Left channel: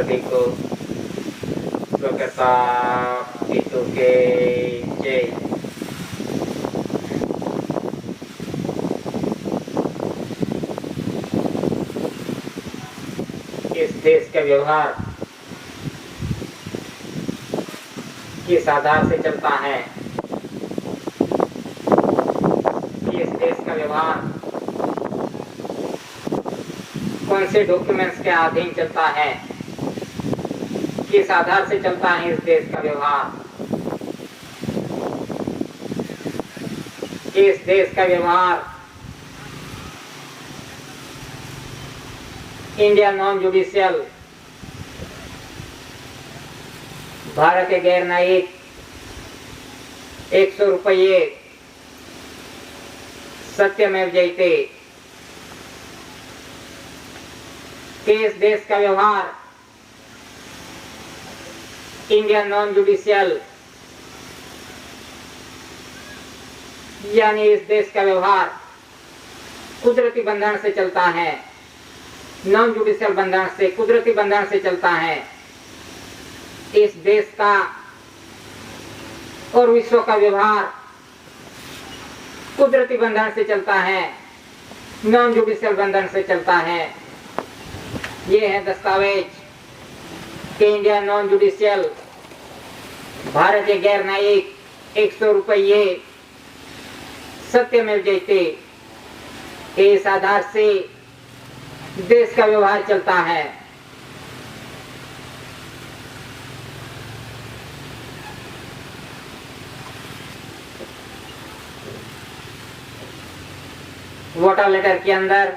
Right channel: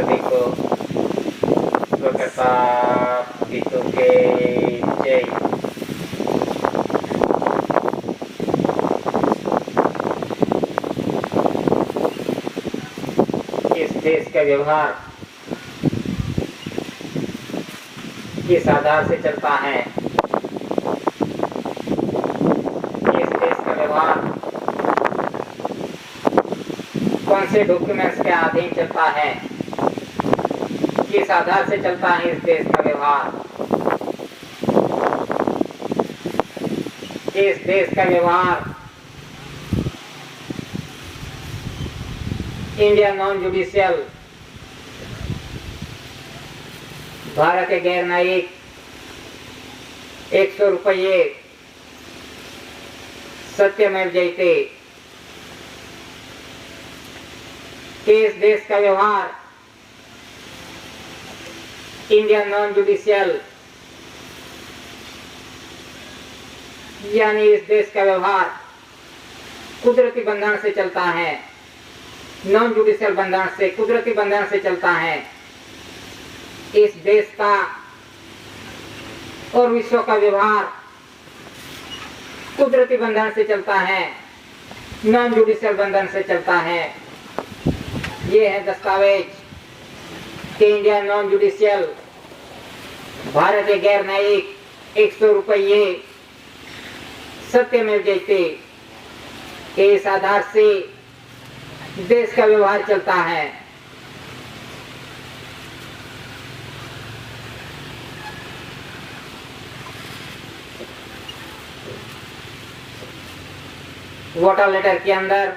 सभी को स्वतंत्रता गीतों के जय। इस देश का व्यवहार किस आधार से चलता है? इस देश का व्यवहार कौन से डॉक्यूमेंट्स के अधीन चलता है? किस आधार से चलता है इस देश का व्यवहार? इस देश का व्यवहार इंडिया नॉन जुडिशियल, भारत गैर न्यायिक 100 रुपये सत्यमेव जयते। इस देश का व्यवहार इंडिया नॉन जुडिशियल, यानी इस देश का व्यवहार कुदरती बंधन से चलता है, नॉन जुडिशियल बंधन से, कुदरती बंधन से चलता है। इस देश का और विश्व का व्यवहार कुदरती बंधन से चलता है, नॉन जुडिशियल बंधन से चलता है। ये है दस्तावेज कि इंडिया नॉन जुडिशियल, भारत गैर न्यायिक 100 रुपये सत्यमेव जयते। इस आधार से देश का व्यवहार चलता है। वोटर लेटर के अंदर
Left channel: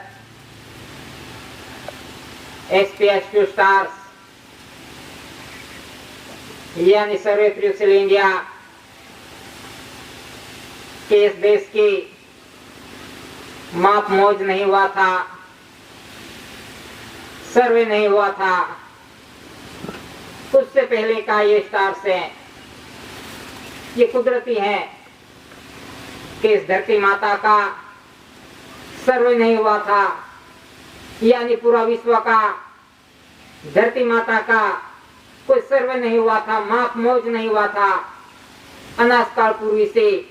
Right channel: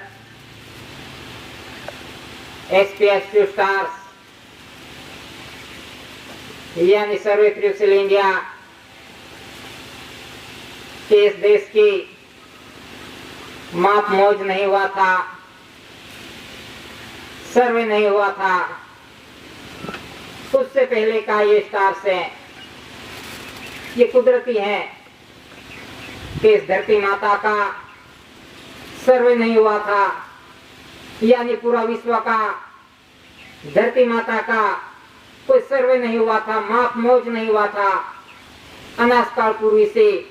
SPS2 स्टार्स यानी सर्वे क्रूसियल इंडिया के इस देश की माप मौज नहीं हुआ था, सर्वे नहीं हुआ था, उससे पहले का ये स्टार्स है। ये कुदरती है कि इस धरती माता का सर्वे नहीं हुआ था, यानी पूरा विश्व का धरती माता का कोई सर्वे नहीं हुआ था, माप मौज नहीं हुआ था। अनाज काल पूर्वी से,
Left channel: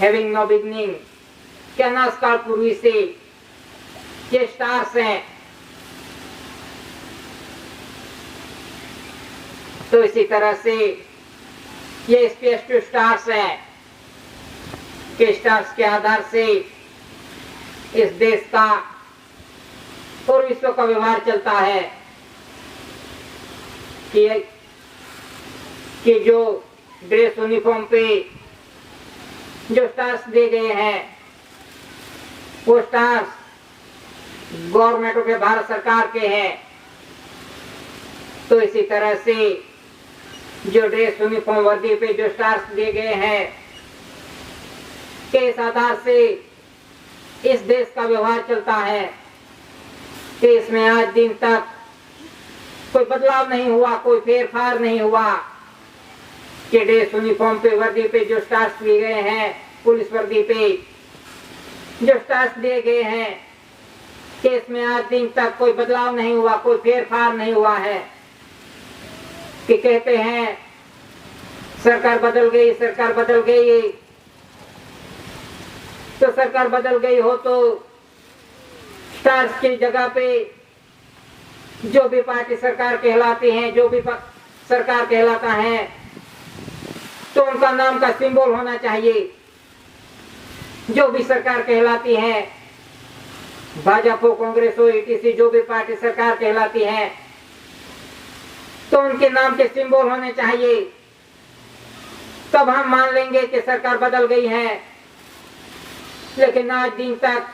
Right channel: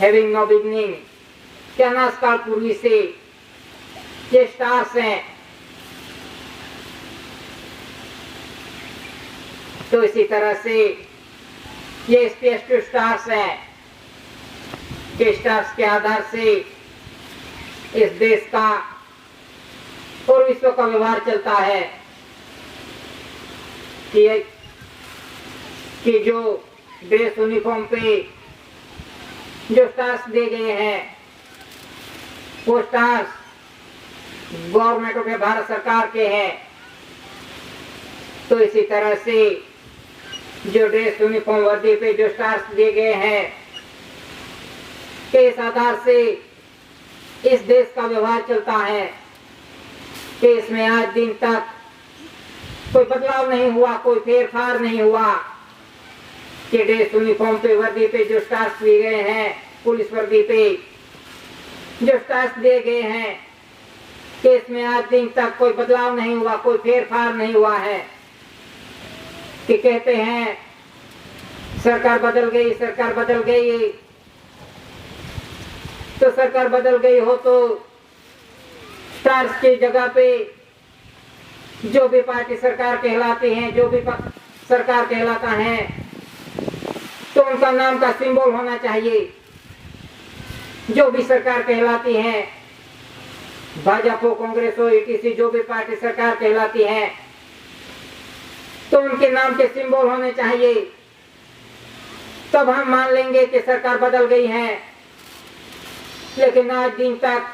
हैविंग नो बिगनिंग, क्या अनाज काल पूर्वी से ये स्टार्स हैं। तो इसी तरह से ये SPS2 स्टार्स हैं कि स्टार्स के आधार से इस देश का और विश्व का व्यवहार चलता है कि जो ड्रेस यूनिफॉर्म पे जो स्टार्स दिए गए हैं वो स्टार्स गवर्नमेंट के, भारत सरकार के हैं। तो इसी तरह से जो ड्रेस यूनिफॉर्म वर्दी पे जो स्टार्स दिए गए हैं के इस आधार से इस देश का व्यवहार चलता है कि इसमें आज दिन तक कोई बदलाव नहीं हुआ, कोई फेरफार नहीं हुआ कि ड्रेस यूनिफॉर्म पे, वर्दी पे जो स्टार्स दिए गए हैं, पुलिस वर्दी पे जो स्टार्स दिए गए हैं कि इसमें आज दिन तक कोई बदलाव नहीं हुआ, कोई फेरफार नहीं हुआ है। कि कहते हैं सरकार बदल गई, सरकार बदल गई, तो सरकार बदल गई हो तो स्टार्स की जगह पे जो भी पार्टी सरकार कहलाती है, जो भी सरकार कहलाता है, तो उनका नाम का सिंबल होना चाहिए। जो भी सरकार कहलाती है, भाजपा हो, कांग्रेस हो, ETC, जो भी पार्टी सरकार कहलाती है, तो उनके नाम के सिंबल होने चाहिए। तब हम मान लेंगे कि सरकार बदल गई है। लेकिन आज दिन तक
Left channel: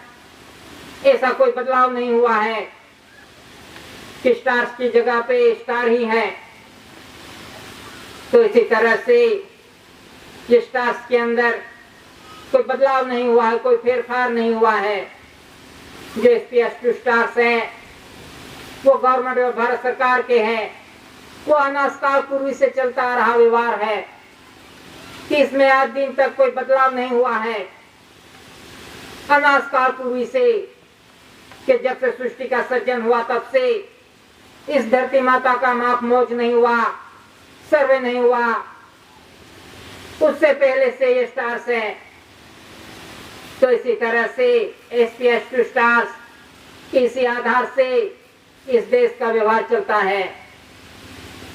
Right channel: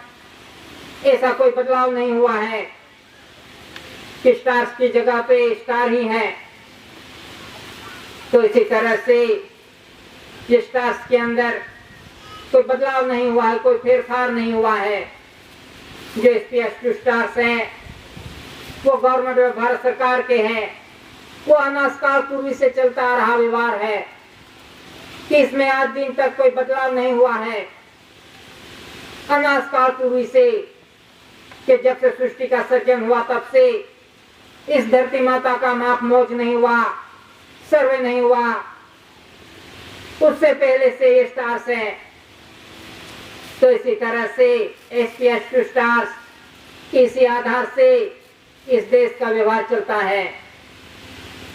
ऐसा कोई बदलाव नहीं हुआ है कि स्टार्स की जगह पे स्टार ही है। तो इसी तरह से ये स्टार्स के अंदर कोई बदलाव नहीं हुआ है, कोई फेरफार नहीं हुआ है। जो SPS2 स्टार्स हैं वो गवर्नमेंट और भारत सरकार के हैं। वो अनाज काल पूर्वी से चलता आ रहा व्यवहार है कि इसमें आज दिन तक कोई बदलाव नहीं हुआ है। अनाज काल पूर्वी से कि जब से सृष्टि का सृजन हुआ तब से इस धरती माता का माप मोज नहीं हुआ, सर्वे नहीं हुआ, उससे पहले से ये स्टार्स है। तो इसी तरह से SPH2 स्टार्स इसी आधार से इस देश का व्यवहार चलता है।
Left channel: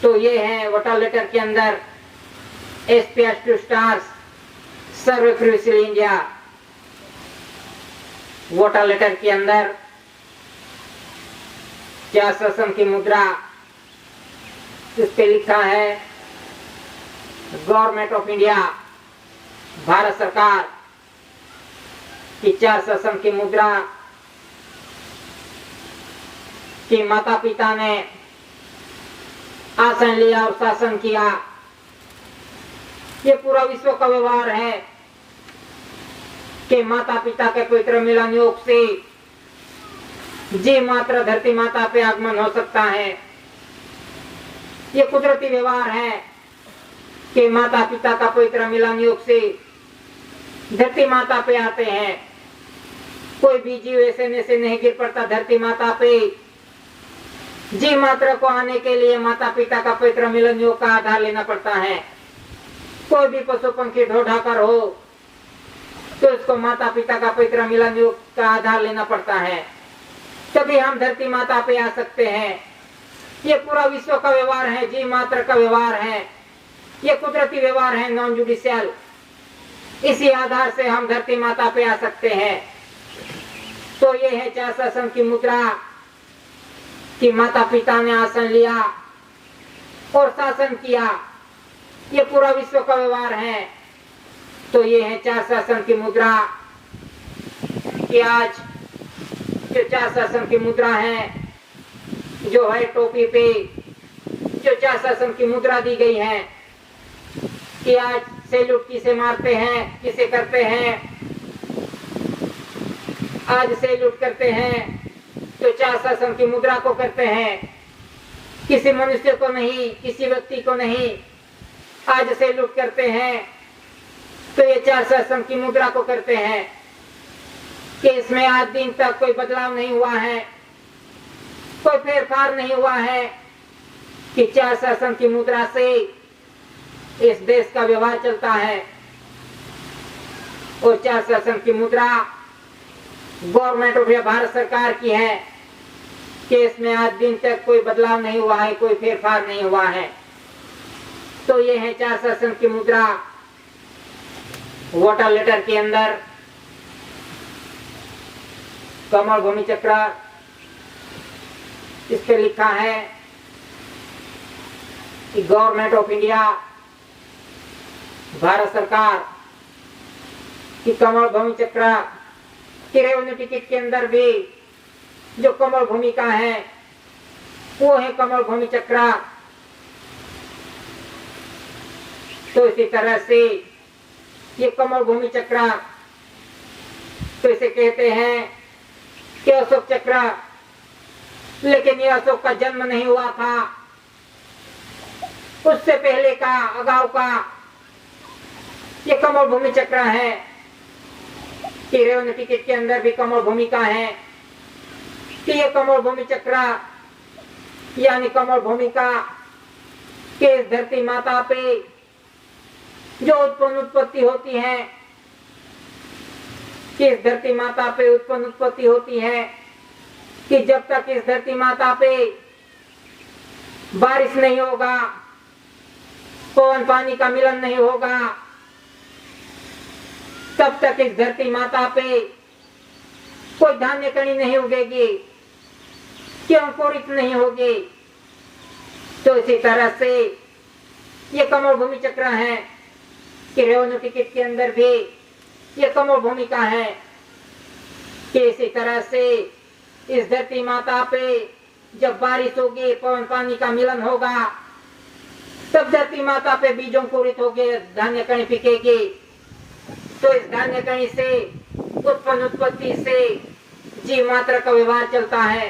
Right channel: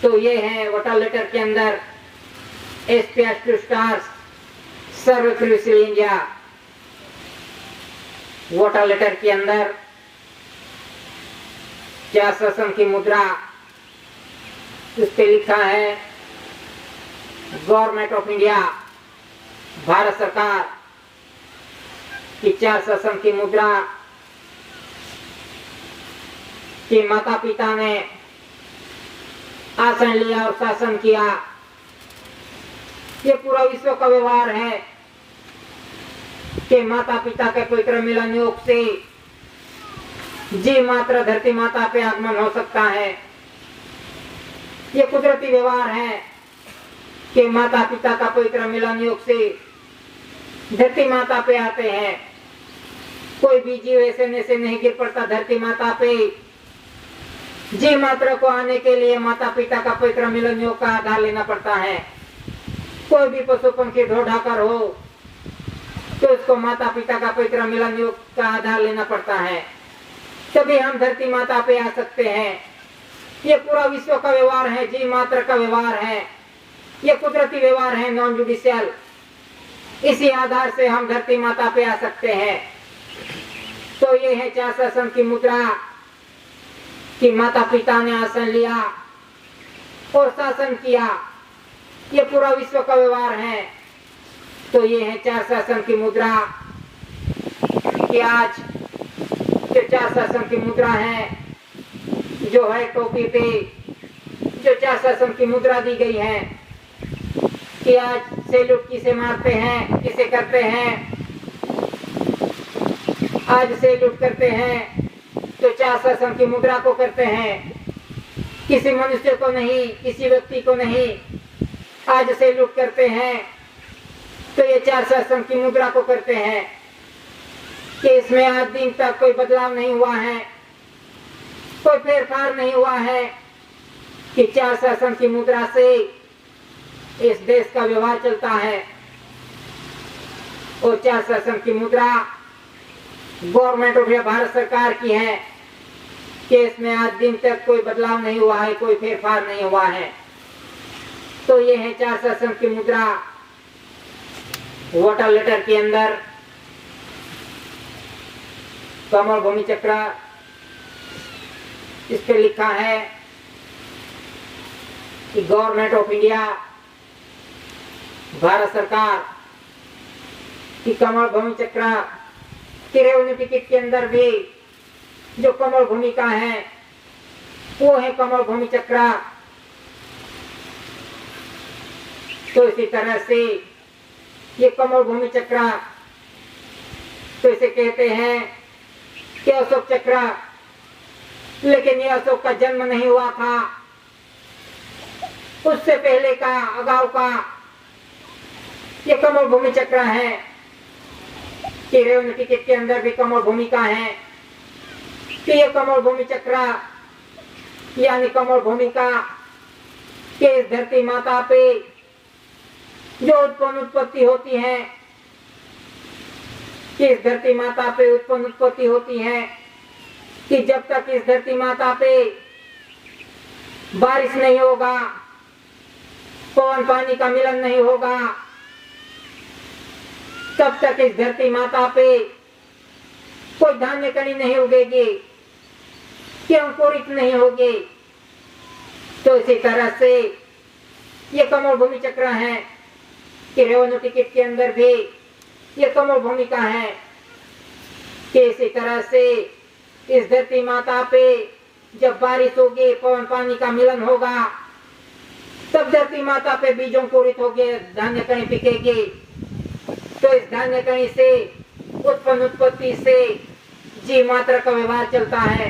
तो ये है वाटर लेटर के अंदर SPH2 स्टार्स सर्वे क्रूसियल इंडिया। वाटर लेटर के अंदर क्या शासन की मुद्रा, उस पे लिखा है गवर्नमेंट ऑफ इंडिया, भारत सरकार की 4 शासन की मुद्रा कि माता पिता ने आसन लिया और शासन किया। ये पूरा विश्व का व्यवहार है कि माता पिता के पवित्र मिलन योग से जी मात्र धरती माता पे आगमन हो सकता है। ये कुदरती व्यवहार है कि माता पिता का पवित्र मिलन योग से धरती माता पे आते हैं। कोई भी जीव ऐसे नहीं गिर पड़ता धरती माता पे। जी मात्र को आने के लिए माता पिता का पवित्र मिलन योग का आधार लेना पड़ता है। कोई भी पशु पंखी ढोढाकर हो तो उसको माता पिता का पवित्र मिलन योग का आधार लेना पड़ता है, तभी हम धरती माता पे आ सकते हैं। ये पूरा विश्व का व्यवहार है, जी मात्र का व्यवहार है, ये कुदरती व्यवहार है, नॉन जुडिशियल। इसी आधार से हम धरती माता पे आ सकते हैं। तो ये है 4 शासन की मुद्रा कि माता पिता ने आसन लिया और शासन किया। ये पूरा विश्व का व्यवहार है। तो ये है 4 शासन की मुद्रा कि आज जो 4 शासन की मुद्रा है, जो है टोपी पे जो 4 शासन की मुद्रा दी गई है कि आज सैल्यूट किसे मारते हैं, किसे करते हैं। आज सैल्यूट करते हैं तो 4 शासन की मुद्रा को करते हैं, किसी मनुष्य को नहीं, किसी व्यक्ति को नहीं। आज सैल्यूट करते हैं तो ये 4 शासन की मुद्रा को करते हैं कि इसमें आज दिन तक कोई बदलाव नहीं हुआ है, कोई फेरफार नहीं हुआ है कि 4 शासन की मुद्रा से इस देश का व्यवहार चलता है। और 4 शासन की मुद्रा गवर्नमेंट ऑफ इंडिया भारत सरकार की है कि इसमें आज दिन तक कोई बदलाव नहीं हुआ है, कोई फेरफार नहीं हुआ है। तो ये है 4 शासन की मुद्रा। वाटर लेटर के अंदर कमल भूमि चक्र, इस पे लिखा है कि गवर्नमेंट ऑफ इंडिया भारत सरकार की कमल भूमि चक्र की रेवेन्यू टिकट के अंदर भी जो कमल भूमिका है वो है कमल भूमि चक्र। तो इसी तरह से ये कमल भूमि चक्र तो इसे कहते हैं कि अशोक चक्र, लेकिन ये अशोक का जन्म नहीं हुआ था, उससे पहले का, अगाऊ का ये कमल भूमि चक्र है कि रेवेन्यू टिकट के अंदर भी कमल भूमिका है कि ये कमल भूमि चक्र यानी कमल भूमिका के इस धरती माता पे जो उत्पत्ति होती है, कि इस धरती माता पे उत्पत्ति होती है कि जब तक इस धरती माता पे बारिश नहीं होगा, पवन पानी का मिलन नहीं होगा, तब तक इस धरती माता पे कोई धान्य कणी नहीं उगेगी, कि अंकुरित नहीं होगी। तो इसी तरह से ये कमल भूमि चक्र है कि रेवेन्यू टिकट के अंदर भी ये कमल भूमिका है कि इसी तरह से इस धरती माता पे जब बारिश होगी, पवन पानी का मिलन होगा, तब धरती माता पे बीजों अंकुरित होंगे, धान्य कणी पिकेगी। तो इस धान्य कणी से उत्पत्ति से जी मात्र का व्यवहार चलता है,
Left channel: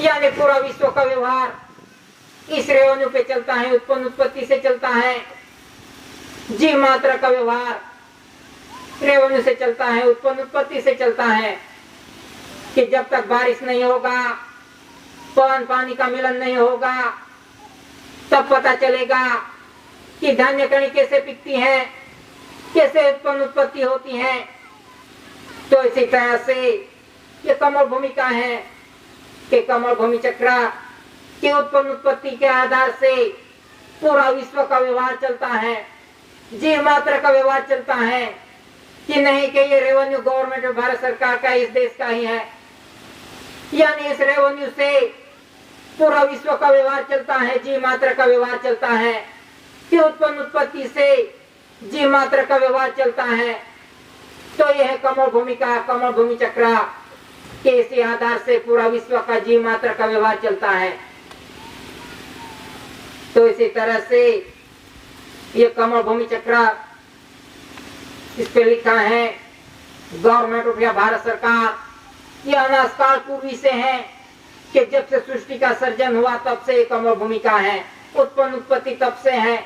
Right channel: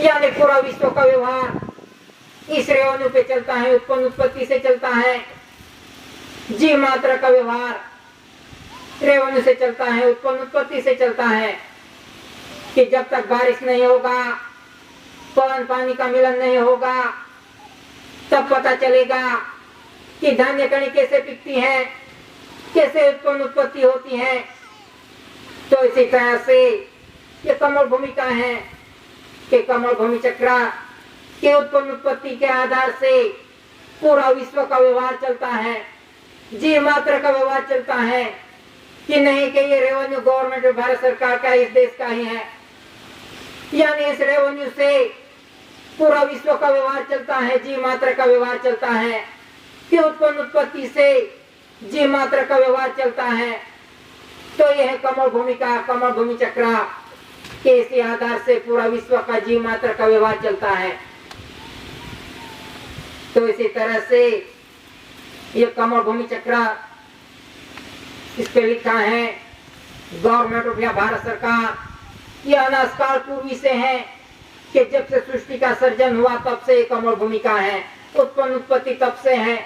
यानी पूरा विश्व का व्यवहार इस रेवेन्यू पे चलता है, उत्पत्ति से चलता है। जी मात्र का व्यवहार रेवेन्यू से चलता है, उत्पत्ति से चलता है कि जब तक बारिश नहीं होगा, पवन पानी का मिलन नहीं होगा, तब पता चलेगा कि धान्य कणी कैसे पिकती है, कैसे उत्पत्ति होती है। तो इसी तरह से ये कमल भूमिका है कि कमल भूमि चक्र के उत्पत्ति के आधार से पूरा विश्व का व्यवहार चलता है, जीव मात्र का व्यवहार चलता है। कि नहीं कि ये रेवेन्यू गवर्नमेंट भारत सरकार का, इस देश का ही है, यानी इस रेवेन्यू से पूरा विश्व का व्यवहार चलता है, जीव मात्र का व्यवहार चलता है, कि उत्पत्ति से जीव मात्र का व्यवहार चलता है। तो यह है कमल भूमिका, कमल भूमि चक्र के इसी आधार से पूरा विश्व का जीव मात्र का व्यवहार चलता है। तो इसी तरह से ये कमल भूमि चक्र, इस पे लिखा है गवर्नमेंट ऑफ इंडिया भारत सरकार, ये अनाज काल पूर्वी से है कि जब से सृष्टि का सर्जन हुआ तब से ये कमल भूमिका है, उत्पत्ति तब से है।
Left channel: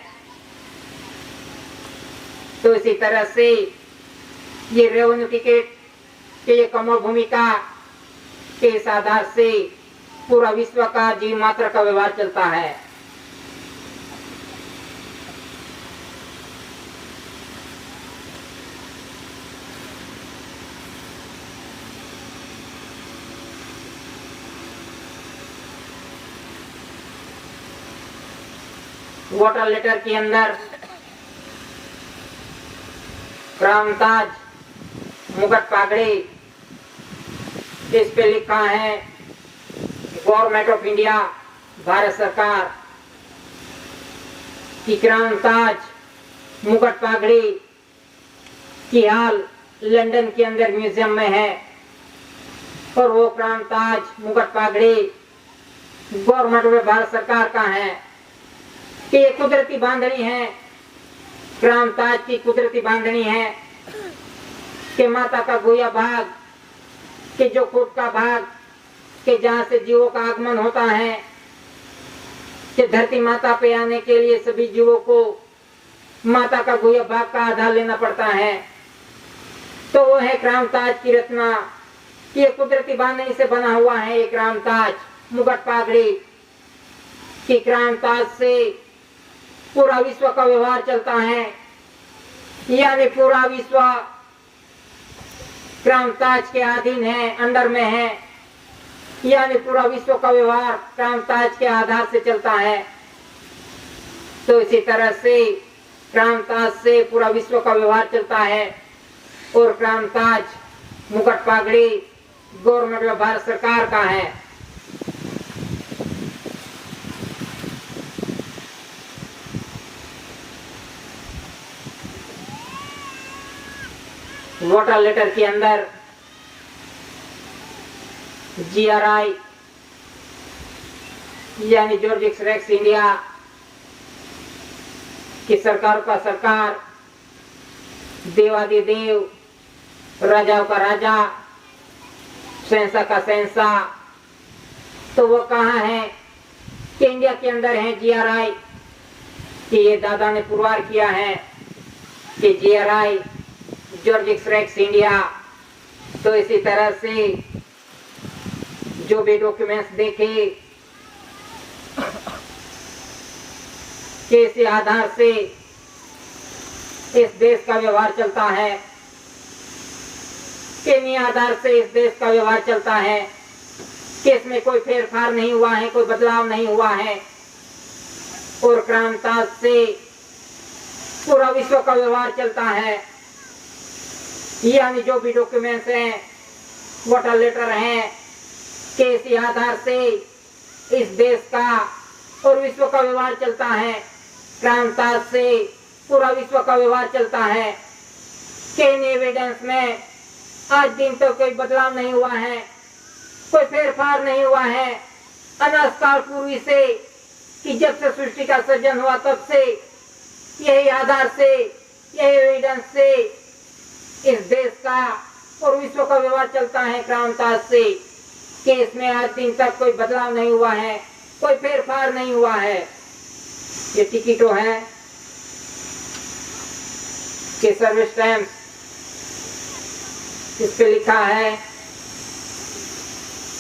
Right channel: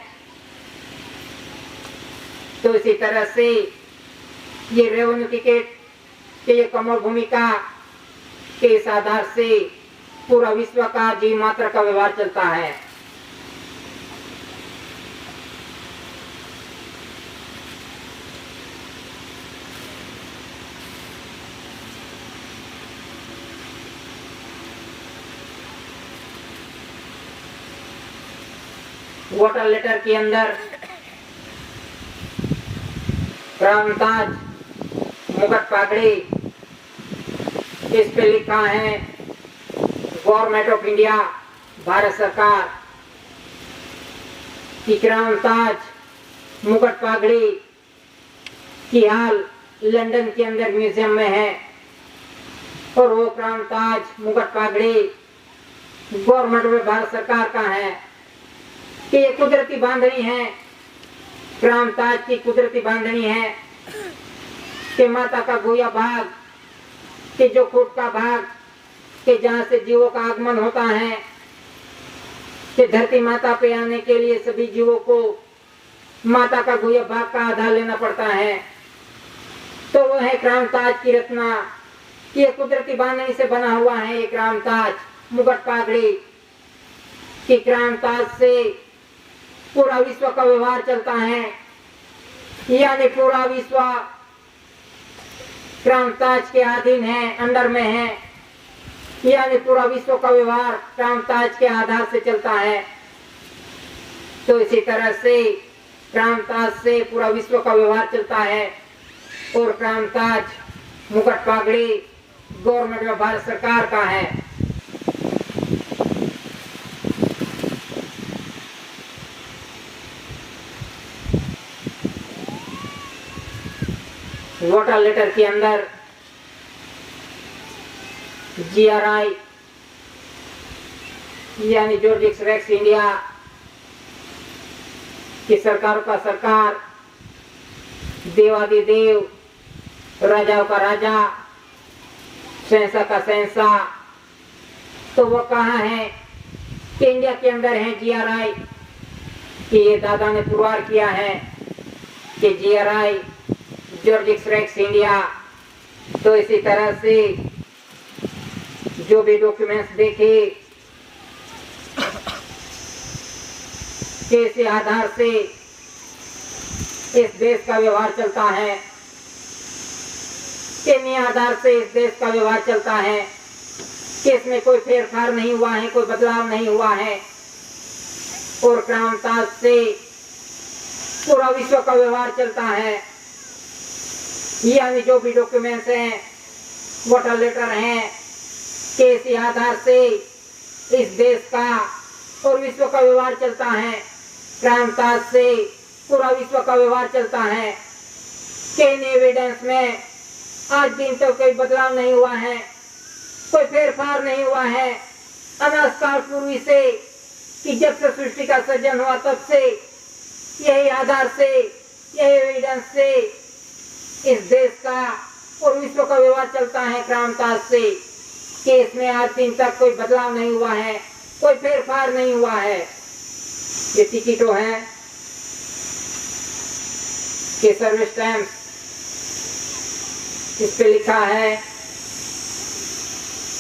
तो इसी तरह से ये रेवेन्यू टिकट के ये कमल भूमिका के इस आधार से पूरा विश्व का जीव मात्र का व्यवहार चलता है। वाटर लेटर के अंदर क्रांताज मुकुट पागड़ी, इस पे लिखा है गवर्नमेंट ऑफ इंडिया भारत सरकार की क्रांताज मुकुट पागड़ी की हाल लंदन के अंदर म्यूजियम में है। और वो क्रांताज मुकुट पागड़ी गवर्नमेंट ऑफ भारत सरकार का है कि ये कुदरती बांधनी है, क्रांताज की कुदरती बांधनी है कि माता का गोया भाग कि जो कोट का भाग कि जहाँ से जीवों का आगमन होता है, कि धरती माता पे आने के लिए सभी जीवों को माता का गोया भाग का आधार लेना पड़ता है। तो वो है क्रांताज की रचना, ये कुदरती बांधनी से बना हुआ है। ये क्रांताज मुकुट पागड़ी की क्रांताज से पूरा विश्व का व्यवहार चलता है, यानी पूरा विश्व क्रांताज के अधीन है, अंडर में है, यानी पूरा विश्व का व्यवहार क्रांताज के आधार से चलता है। तो इसी तरह से क्रांताज से पूरा विश्व का व्यवहार चलता है। और क्रांताज मुकुट पागड़ी गवर्नमेंट ऑफ भारत सरकार का है। वाटर लेटर के अंदर GRI यानी जॉर्ज एक्स इंडिया की सरकार का सरकार, देवादिदेव, राजाओं का राजा, शहंशाह का शहंशाह, तो वो कहाँ है कि इंडिया के अंदर है GRI कि ये दादा ने पुरवार किया है कि GRI जॉर्ज एक्स इंडिया। तो इसी तरह से जो भी डॉक्यूमेंट्स देखे कि इसी आधार से इस देश का व्यवहार चलता है, इन्हीं आधार से इस देश का व्यवहार चलता है कि इसमें कोई फेरफार नहीं हुआ है, कोई बदलाव नहीं हुआ है। और क्रांताज से पूरा विश्व का व्यवहार चलता है, यानी जो भी डॉक्यूमेंट्स हैं, वाटर लेटर हैं, कि इसी आधार से इस देश का और विश्व का व्यवहार चलता है। क्रांताज से पूरा विश्व का व्यवहार चलता है कि इन एविडेंस में आज दिन तक तो कोई बदलाव नहीं हुआ है, कोई फेरफार नहीं हुआ है। अनाज काल पूर्वी से कि जब से सृष्टि का सृजन हुआ तब से यही आधार से, यही एविडेंस से इस देश का और विश्व का व्यवहार चलता है। क्रांताज से कि इसमें आज दिन तक कोई बदलाव नहीं हुआ है, कोई फेरफार नहीं हुआ है। ये टिकटों है कि सर्विस स्टैम्प, इस पे लिखा है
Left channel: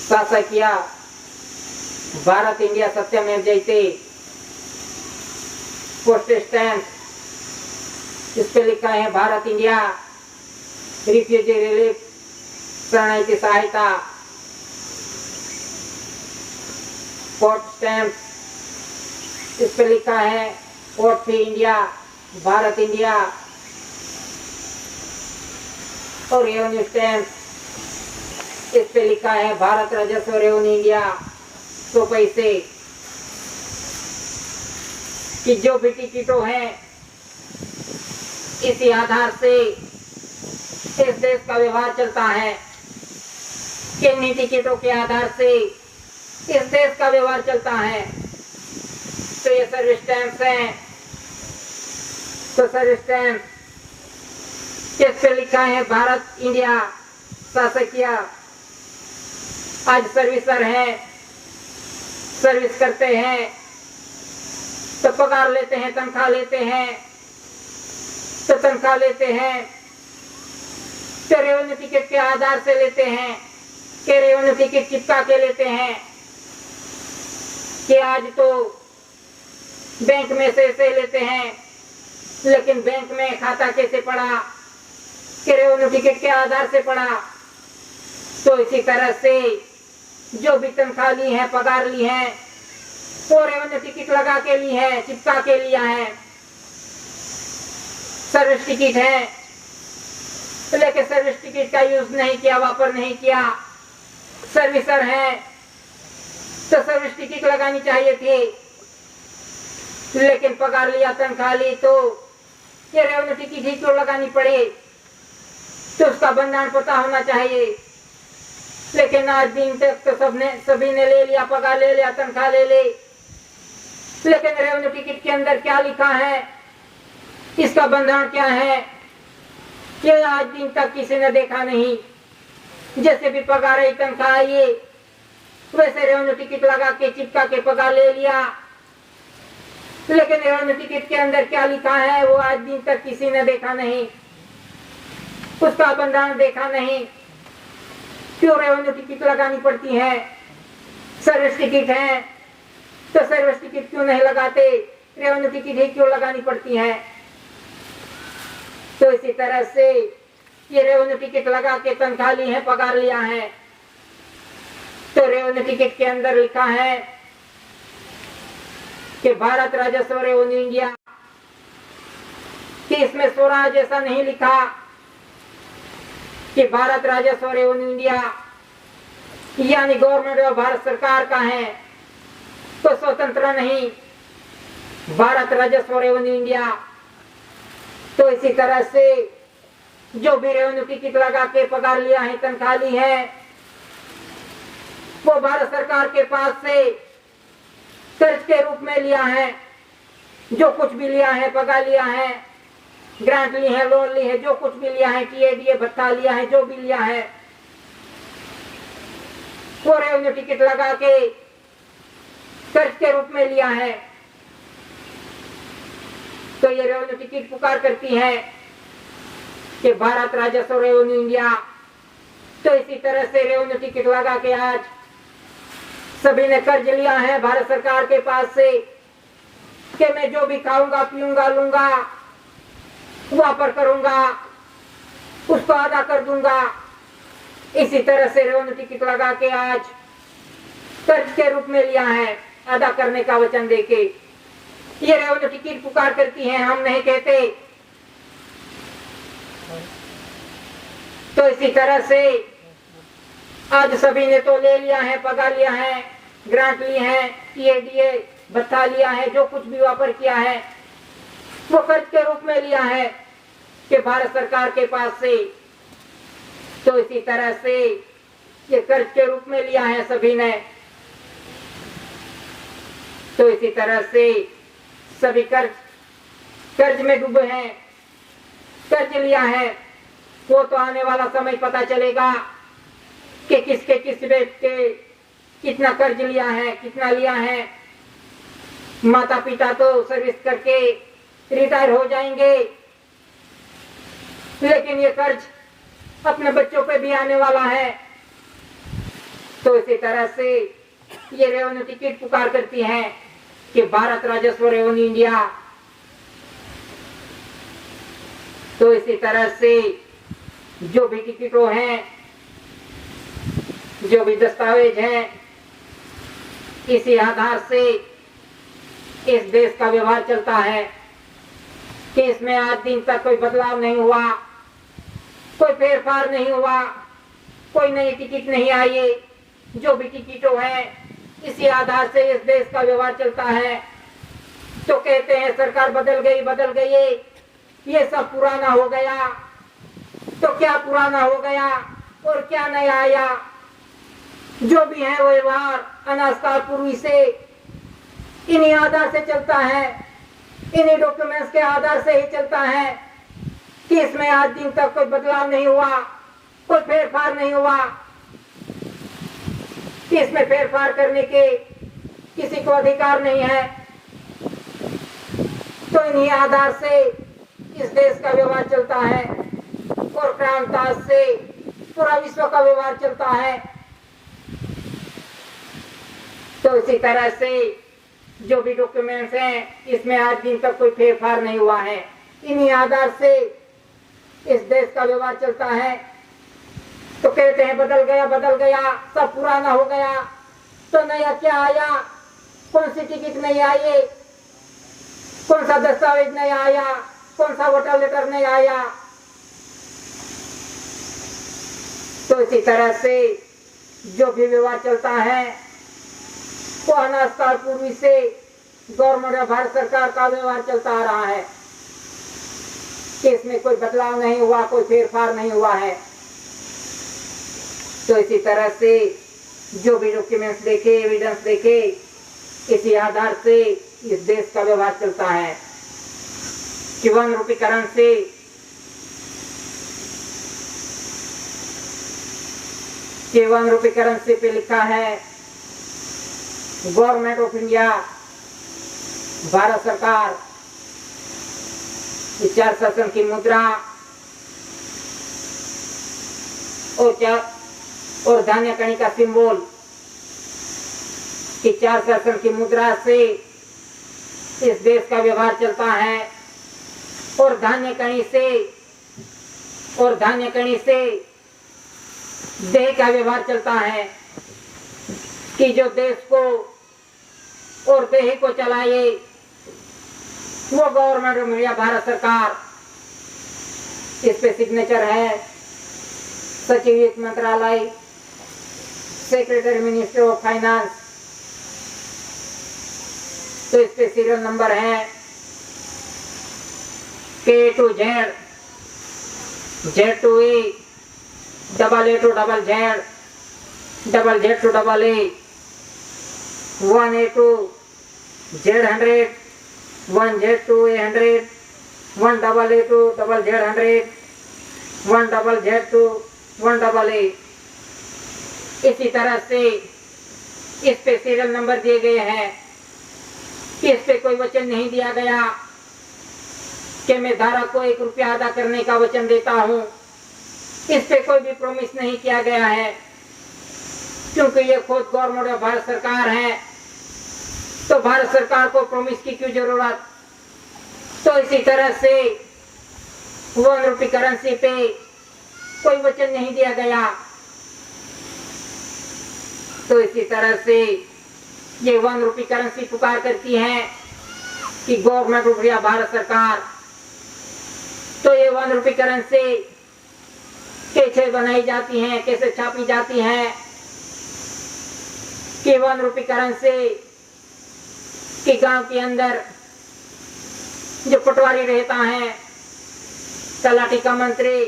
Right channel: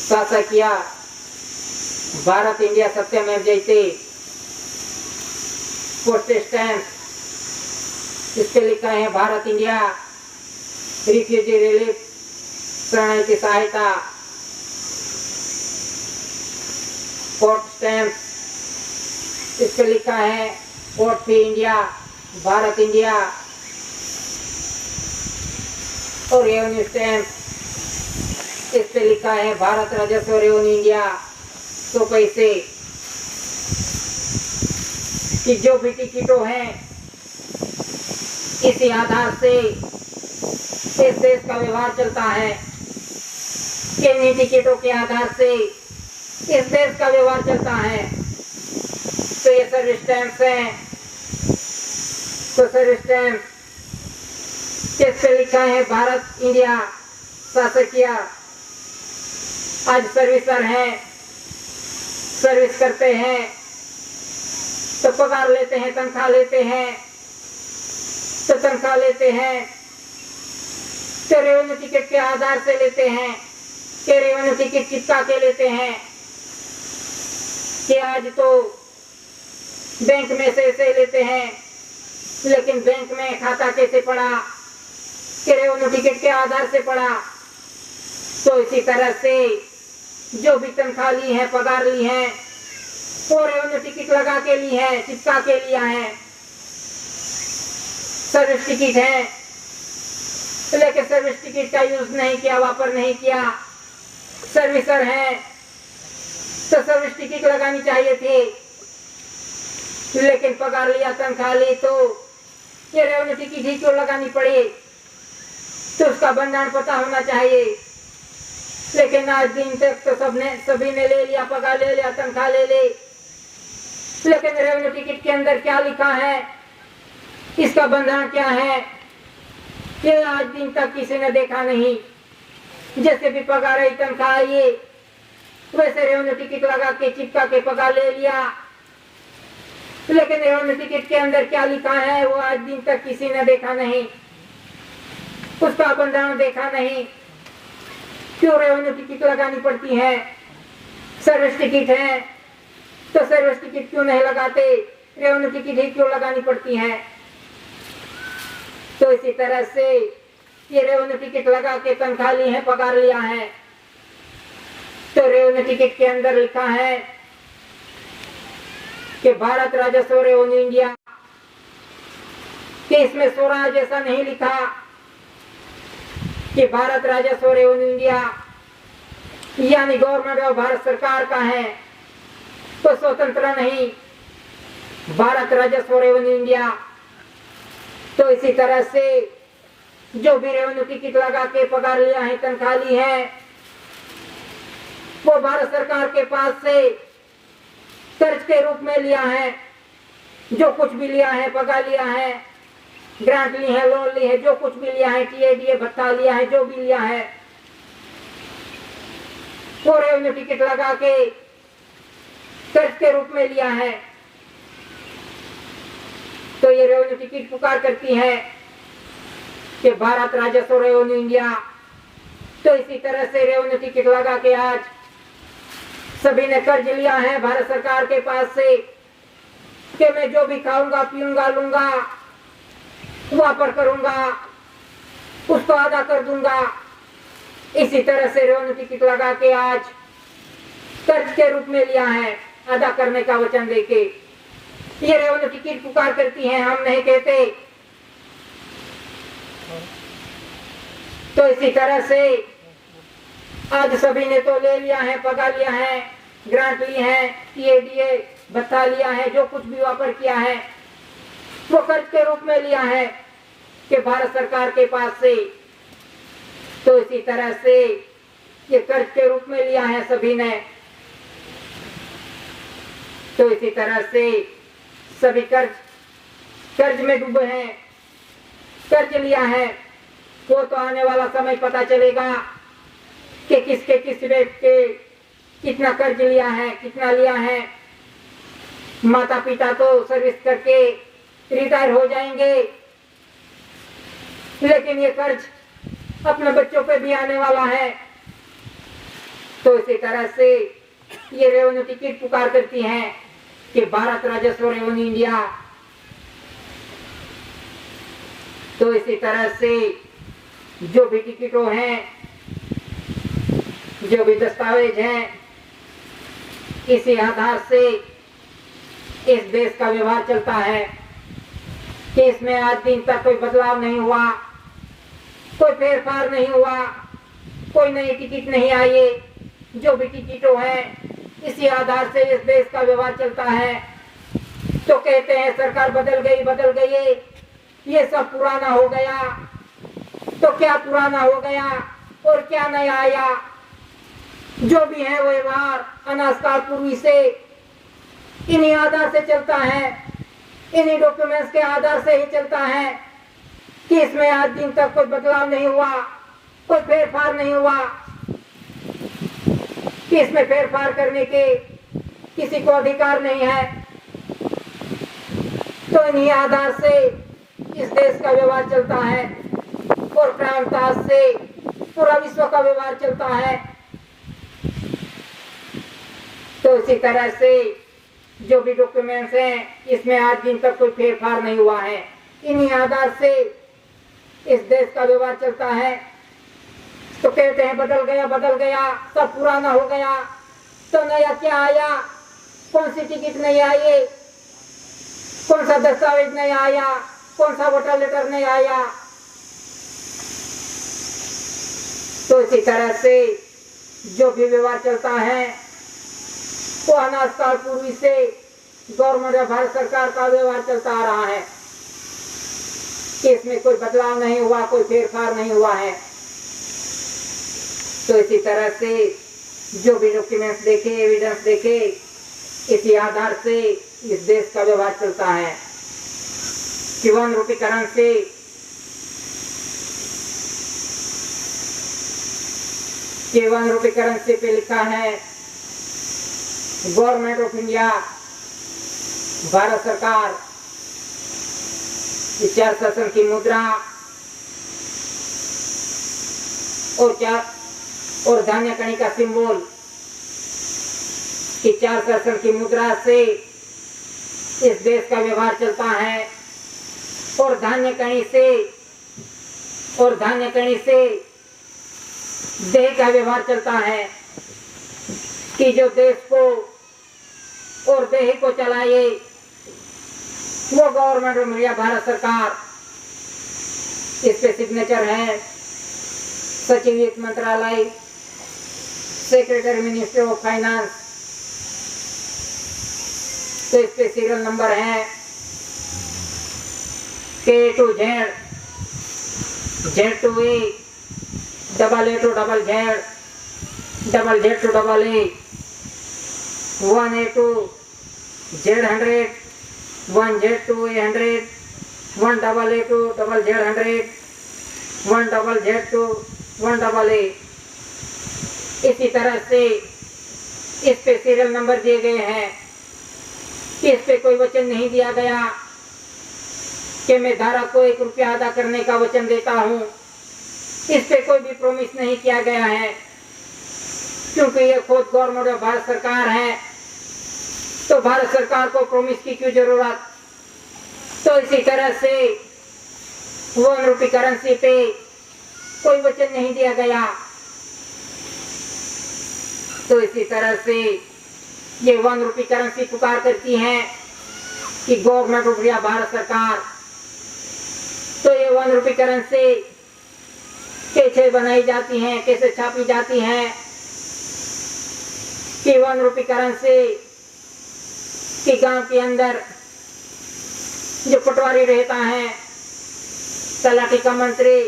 शासकीय भारत इंडिया सत्यमेव जयते पोस्ट स्टैम्प, इस पे लिखा है भारत इंडिया रिफ्यूजी रिलीफ शरणार्थी सहायता। पोस्ट स्टैम्प, इस पे लिखा है vote for India Bharat India. और रेवेन्यू स्टैम्प, इस पे लिखा है भारत राजस्व रेवेन्यू इंडिया 100 पैसे। कि जो भी टिकटों हैं इसी आधार से इस देश का व्यवहार चलता है, किन्हीं टिकटों के आधार से इस देश का व्यवहार चलता है। तो ये सर्विस स्टैम्प हैं, तो सर्विस स्टैम्प किस पे लिखा है भारत इंडिया शासकीय। आज सर्विसर हैं, सर्विस करते हैं तो पगार लेते हैं, तनख्वाह लेते हैं, तो तनख्वाह लेते हैं तो रेवेन्यू टिकट के आधार से लेते हैं कि रेवेन्यू टिकट चिपका के लेते हैं कि आज तो बैंक में से लेते हैं, लेकिन बैंक में खाता कैसे पड़ा कि रेवेन्यू टिकट के आधार से पड़ा। तो इसी तरह से जो भी तनख्वाह ली है, पगार ली है, वो रेवेन्यू टिकट लगा के ली है, चिपका के लिया है। सर्विस टिकट है, लेकिन सर्विस टिकट का यूज नहीं किया, वापर नहीं किया। सर्विसर है तो सर्विस टिकट लगानी चाहिए थी, लेकिन पगार लिया, तनख्वाह ली, तो ये रेवेन्यू टिकट ही क्यों लगानी पड़े। तो उसका बंधन पता होना चाहिए। लेकिन आज दिन तक तो सभी ने ले लिया, पगार ले लिया, तनख्वाह ले ली, लेकिन रेवेन्यू टिकट के अंदर क्या लिखा है, इसका बंधन क्या है, ये आज दिन तक किसी ने देखा नहीं। जैसे भी पगार आई, तनख्वाह आई, वैसे रेवेन्यू टिकट लगा के चिपका के पगार ले लिया, लेकिन रेवेन्यू टिकट के अंदर क्या लिखा है वो आज दिन तक किसी ने देखा नहीं, उसका बंधन देखा नहीं। क्यों रेवेन्यू टिकट लगानी पड़ती है। सर्विस टिकट है तो सर्विस टिकट क्यों नहीं लगाते, रेवेन्यू टिकट ही क्यों लगानी पड़ती है। तो इसी तरह से ये रेवेन्यू टिकट लगा के तनख्वाह ली है, पगार लिया है, तो रेवेन्यू टिकट के अंदर लिखा है कि भारत राजस्व रेवेन्यू इंडिया, कि इसमें स्वराज जैसा नहीं लिखा कि भारत राजस्व रेवेन्यू इंडिया यानी गवर्नमेंट और भारत सरकार का है, तो स्वतंत्र नहीं, भारत राजस्व रेवेन्यू इंडिया। तो इसी तरह से जो भी रेवेन्यू टिकट लगा के पगार लिया है, तनख्वाह ली है, वो भारत सरकार के पास से कर्ज के रूप में लिया है। जो कुछ भी लिया है, पगार लिया है, ग्रांट ली है, लोन ली है, जो कुछ भी लिया है, टीएडीए भत्ता लिया है, जो भी लिया है, वो रेवेन्यू टिकट लगा के कर्ज के रूप में लिया है। तो ये रेवेन्यू टिकट पुकार करती है कि भारत राजस्व रेवेन्यू इंडिया। तो इसी तरह से रेवेन्यू टिकट लगा के आज सभी ने कर्ज लिया है भारत सरकार के पास से कि मैं जो भी खाऊंगा, पीऊंगा, लूंगा, वापर करूंगा, उसको अदा कर दूंगा। इसी तरह से रेवेन्यू टिकट लगा के आज कर्ज के रूप में लिया है, अदा करने का वचन देके। ये रेवेन्यू टिकट पुकार करती है, हम नहीं कहते। तो इसी तरह से आज सभी ने तो ले लिया है, पगार लिया है, ग्रांट ली है, टीएडीए भत्ता लिया है, जो कुछ भी वापर किया है वो कर्ज के रूप में लिया है कि भारत सरकार के पास से। तो इसी तरह से ये कर्ज के रूप में लिया है सभी ने। तो इसी तरह से सभी कर्ज में डूबे हैं, कर्ज लिया है। वो तो आने वाला समय पता चलेगा कि किसके किस रेट के कितना कर्ज लिया है, कितना लिया है। माता पिता तो सर्विस करके रिटायर हो जाएंगे, लेकिन ये कर्ज अपने बच्चों पे भी आने वाला है। तो इसी तरह से ये रेवेन्यू टिकट पुकार करती हैं कि भारत राजस्व रेवेन्यू इंडिया। तो इसी तरह से जो भी टिकटों हैं, जो भी दस्तावेज हैं, इसी आधार से इस देश का व्यवहार चलता है कि इसमें आज दिन तक कोई बदलाव नहीं हुआ, कोई फेरफार नहीं हुआ, कोई नई टिकट नहीं आई। जो भी टिकटों है इसी आधार से इस देश का व्यवहार चलता है। तो कहते हैं सरकार बदल गई, ये सब पुराना हो गया। तो क्या पुराना हो गया और क्या नया आया? जो भी है वो व्यवहार अनाजकाल पूर्वी से इन्हीं आधार से चलता है, इन्हीं डॉक्यूमेंट्स के आधार से ही चलता है कि इसमें आज दिन तक कोई बदलाव नहीं हुआ, कोई फेरफार नहीं हुआ, कि इसमें फेरफार करने के किसी को अधिकार नहीं है। तो इन्हीं आधार से इस देश का व्यवहार चलता है और प्रांताज से पूरा विश्व का व्यवहार चलता है। तो इसी तरह से जो भी डॉक्यूमेंट्स हैं इसमें आज दिन तक कोई फेरफार नहीं हुआ है। इन्हीं आधार से इस देश का व्यवहार चलता है। तो कहते हैं बदल गया, सब पुराना हो गया। तो नया क्या आया? कौन सी टिकट नहीं आई? कौन सा दस्तावेज नहीं आया? कौन सा वोटर लेटर नहीं आया? तो इसी तरह से जो भी व्यवहार चलता है वो अनाजकाल पूर्वी से गवर्नमेंट या भारत सरकार का व्यवहार चलता आ रहा है कि इसमें कोई बदलाव नहीं हुआ, कोई फेरफार नहीं हुआ है। तो इसी तरह से जो भी डॉक्यूमेंट्स देखे, एविडेंस देखे, इसी आधार से इस देश का व्यवहार चलता है कि 1 रुपये करेंसी पे लिखा है गवर्नमेंट ऑफ इंडिया, भारत सरकार, चार शासन की मुद्रा और धान्य कणी का सिंबल कि 4 शासन की मुद्रा से इस देश का व्यवहार चलता है और धान्य कणी से देह का व्यवहार चलता है कि जो देश को और देह को चलाए वो गवर्नमेंट ऑफ इंडिया, भारत सरकार। इस पे सिग्नेचर है सचिव वित्त मंत्रालय, सेक्रेटरी मिनिस्टर ऑफ फाइनेंस। तो इस पे सीरियल नंबर है K to Z, Z to A, AA to ZZ, ZZ to AA, 1A to Z100, 1Z to A100, 1AA to ZZ100, 1ZZ to 1AA। इसी तरह से इस पे सीरियल नंबर दिए गए हैं। इस पे कोई वचन नहीं दिया गया कि मैं धारक को 1 रुपया अदा करने का वचन देता हूँ। इस पे कोई भी प्रॉमिस नहीं किया गया है क्योंकि ये खुद गवर्नमेंट ऑफ भारत सरकार है। तो भारत सरकार को प्रॉमिस की क्यों जरूरत? तो इसी तरह से 1 रुपये करेंसी पे कोई वचन नहीं दिया गया। तो इसी तरह से ये 1 रुपये करेंसी पुकार करती है कि गवर्नमेंट ऑफ इंडिया, भारत सरकार। तो ये 1 रुपये करेंसी कैसे बनाई जाती हैं, कैसे छापी जाती हैं कि 1 रुपये करेंसी कि गांव के अंदर जो पटवारी रहता है, तलाटी का मंत्री,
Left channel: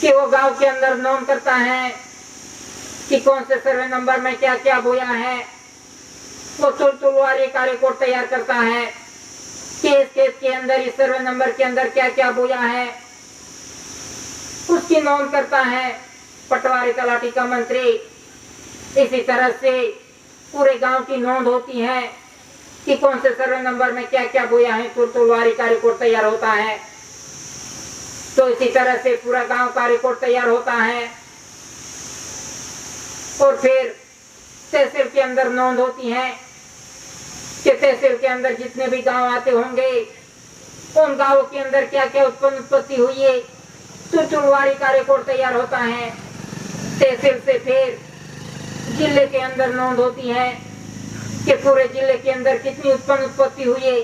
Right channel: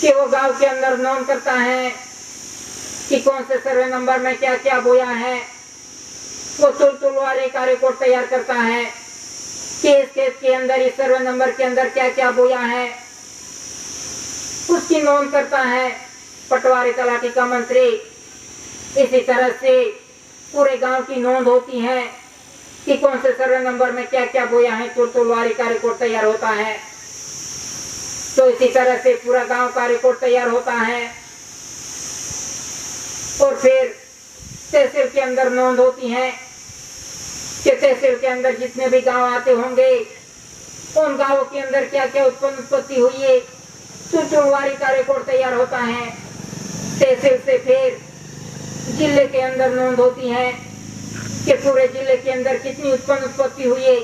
कि वो गांव के अंदर नोट करता है कि कौन से सर्वे नंबर में क्या क्या बोया है। वो तुलवारी का रिकॉर्ड तैयार करता है कि इस केस के अंदर, इस सर्वे नंबर के अंदर क्या क्या बोया है, उसकी नोट करता है पटवारी, तलाटी का मंत्री। इसी तरह से पूरे गांव की नोंद होती है कि कौन से सर्वे नंबर में क्या क्या बोया है, तुलवारी का रिकॉर्ड तैयार होता है। तो इसी तरह से पूरा गांव का रिकॉर्ड तैयार होता है और फिर तहसील के अंदर नोंद होती है कि तहसील के अंदर जितने भी गांव आते होंगे उन गांवों के अंदर क्या क्या उत्पत्ति हुई है, सूत्रवारी का रिकॉर्ड तैयार होता है। तहसील से फिर जिले के अंदर नोंद होती है कि पूरे जिले के अंदर कितनी उत्पत्ति हुई है,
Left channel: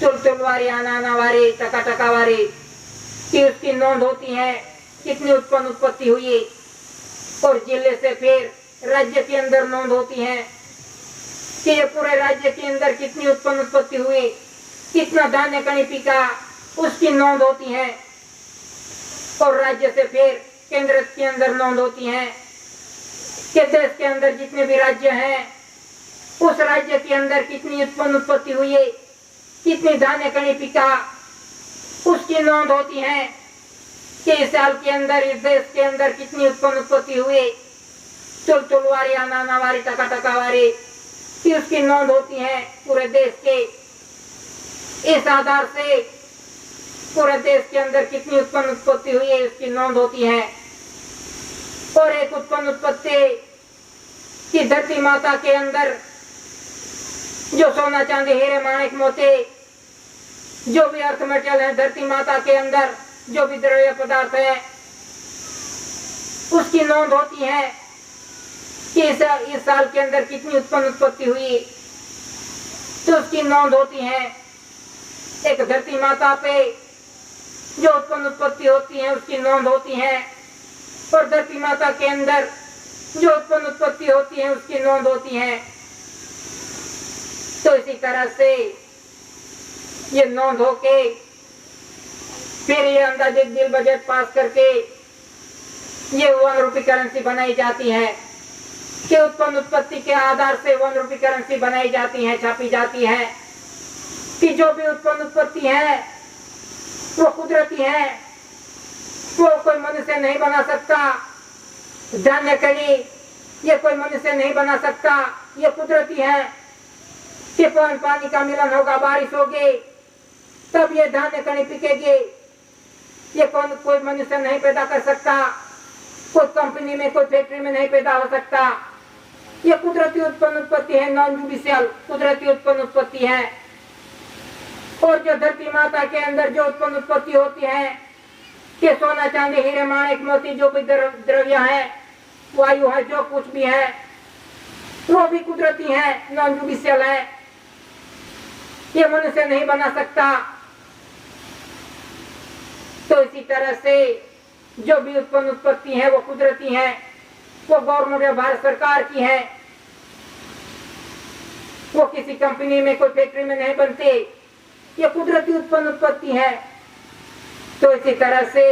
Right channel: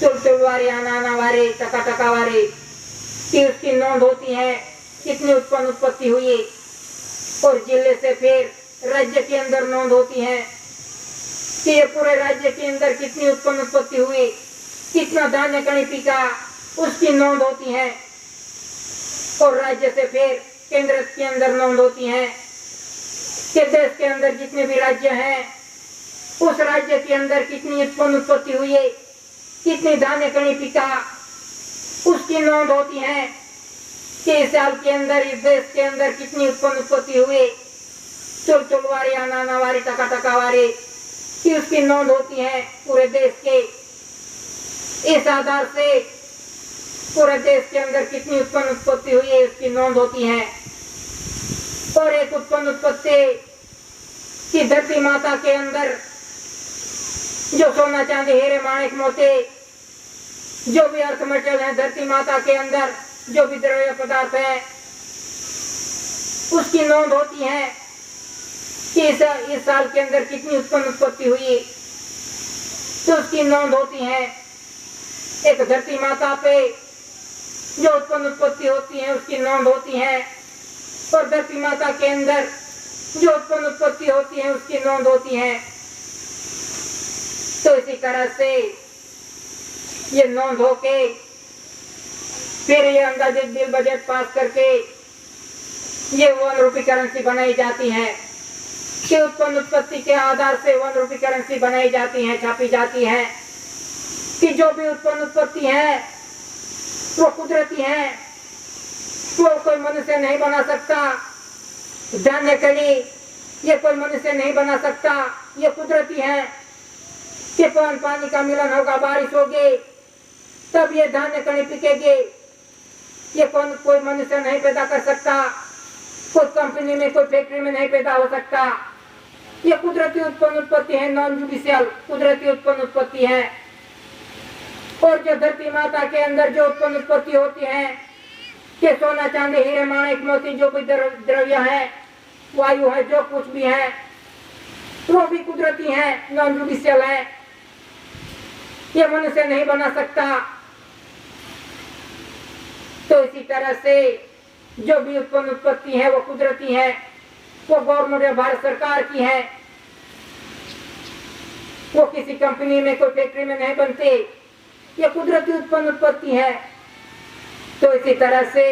तुलवारी, आनावारी, टकावारी की उसकी नोंद होती है, कितनी उत्पत्ति हुई है। और जिले से फिर राज्य के अंदर नोंद होती है कि ये पूरे राज्य के अंदर कितनी उत्पत्ति हुई, कितना धान्य कणी पिका, उसकी नोंद होती है। और राज्य से फिर केंद्र के अंदर नोंद होती है कि देश के अंदर जितने भी राज्य हैं उस राज्य के अंदर कितनी उत्पत्ति हुई है, कितनी धान्य कणी पिका, उसकी नोंद होती है कि इस साल के अंदर इस देश के अंदर कितनी उत्पत्ति हुई, तुलवारी, आनावारी, टकावारी की उसकी नोंद होती है पूरे देश के। इस आधार से पूरे देश के अंदर कितनी उत्पत्ति हुई है उसकी नोंद होती है। और एक उत्पत्ति की धरती माता के अंदर जो सोना, चांदी, हीरे, माणिक, मोती, जो भी अर्थ मटेरियल है धरती माता के अंदर, जो भी द्रव्य पदार्थ है, उसकी नोंद होती है कि इस साल के अंदर कितनी उत्पत्ति हुई, तो उसकी नोंद होती है। एक धरती माता पे जो उत्पत्ति होती है उसकी नोंद होती है, और धरती माता के अंदर जो उत्पत्ति होती है उसकी नोंद होती है। तो इसी तरह से ये नोंद होके फिर ये अंदाजित बिल बजट पास करके ये 1 रुपये करेंसी बनाई जाती है कि उत्पत्ति के आधार से 1 रुपये करेंसी बनाई जाती है, छापी जाती है कि जो भी उत्पत्ति है वो कुदरती है, वो कोई मनुष्य नहीं बना सकता। धान्य कली ये कोई मनुष्य नहीं बना सकता, ये कुदरती है कि पानी का मिलन होगा, बारिश होगी, तब ये धान्य कणी पिकेगी। ये कोई मनुष्य नहीं पैदा कर सकता, कोई कंपनी में, कोई फैक्ट्री में नहीं पैदा हो सकता। ये कुदरती उत्पत्ति है, नॉन जुडिशियल कुदरती उत्पत्ति है। और जो धरती माता के अंदर जो उत्पत्ति होती है कि सोना, चांदी, हीरे, माणिक, मोती, जो भी द्रव्य है, वायु है, जो कुछ भी है, वो भी कुदरती है, नॉन जुडिशियल है, ये मनुष्य नहीं बना सकता। तो इसी तरह से जो भी उत्पत्ति है वो कुदरती है, वो गवर्नमेंट या भारत सरकार की है, वो किसी कंपनी में, कोई फैक्ट्री में नहीं बनते, ये कुदरती उत्पत्ति है। तो इसी तरह से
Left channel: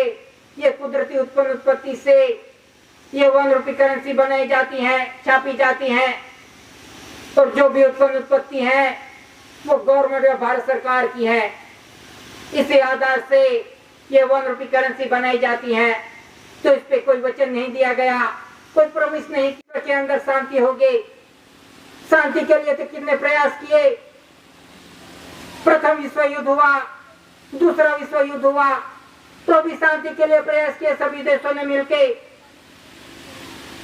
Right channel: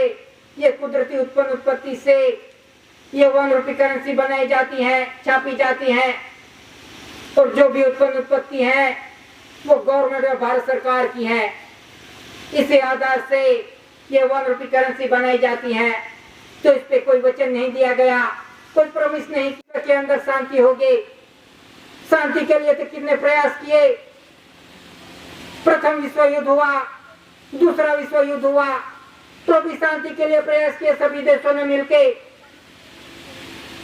ये कुदरती उत्पत्ति से ये 1 रुपये करेंसी बनाई जाती है, छापी जाती है। और जो भी उत्पत्ति है वो गवर्नमेंट या भारत सरकार की है। इसी आधार से ये 1 रुपये करेंसी बनाई जाती है। तो इस पे कोई वचन नहीं दिया गया, कोई प्रॉमिस नहीं किया कि अंदर शांति होगी। शांति के लिए तो कितने प्रयास किए, प्रथम विश्व युद्ध हुआ, दूसरा विश्व युद्ध हुआ, तो भी शांति के लिए प्रयास किए सभी देशों ने मिलकर।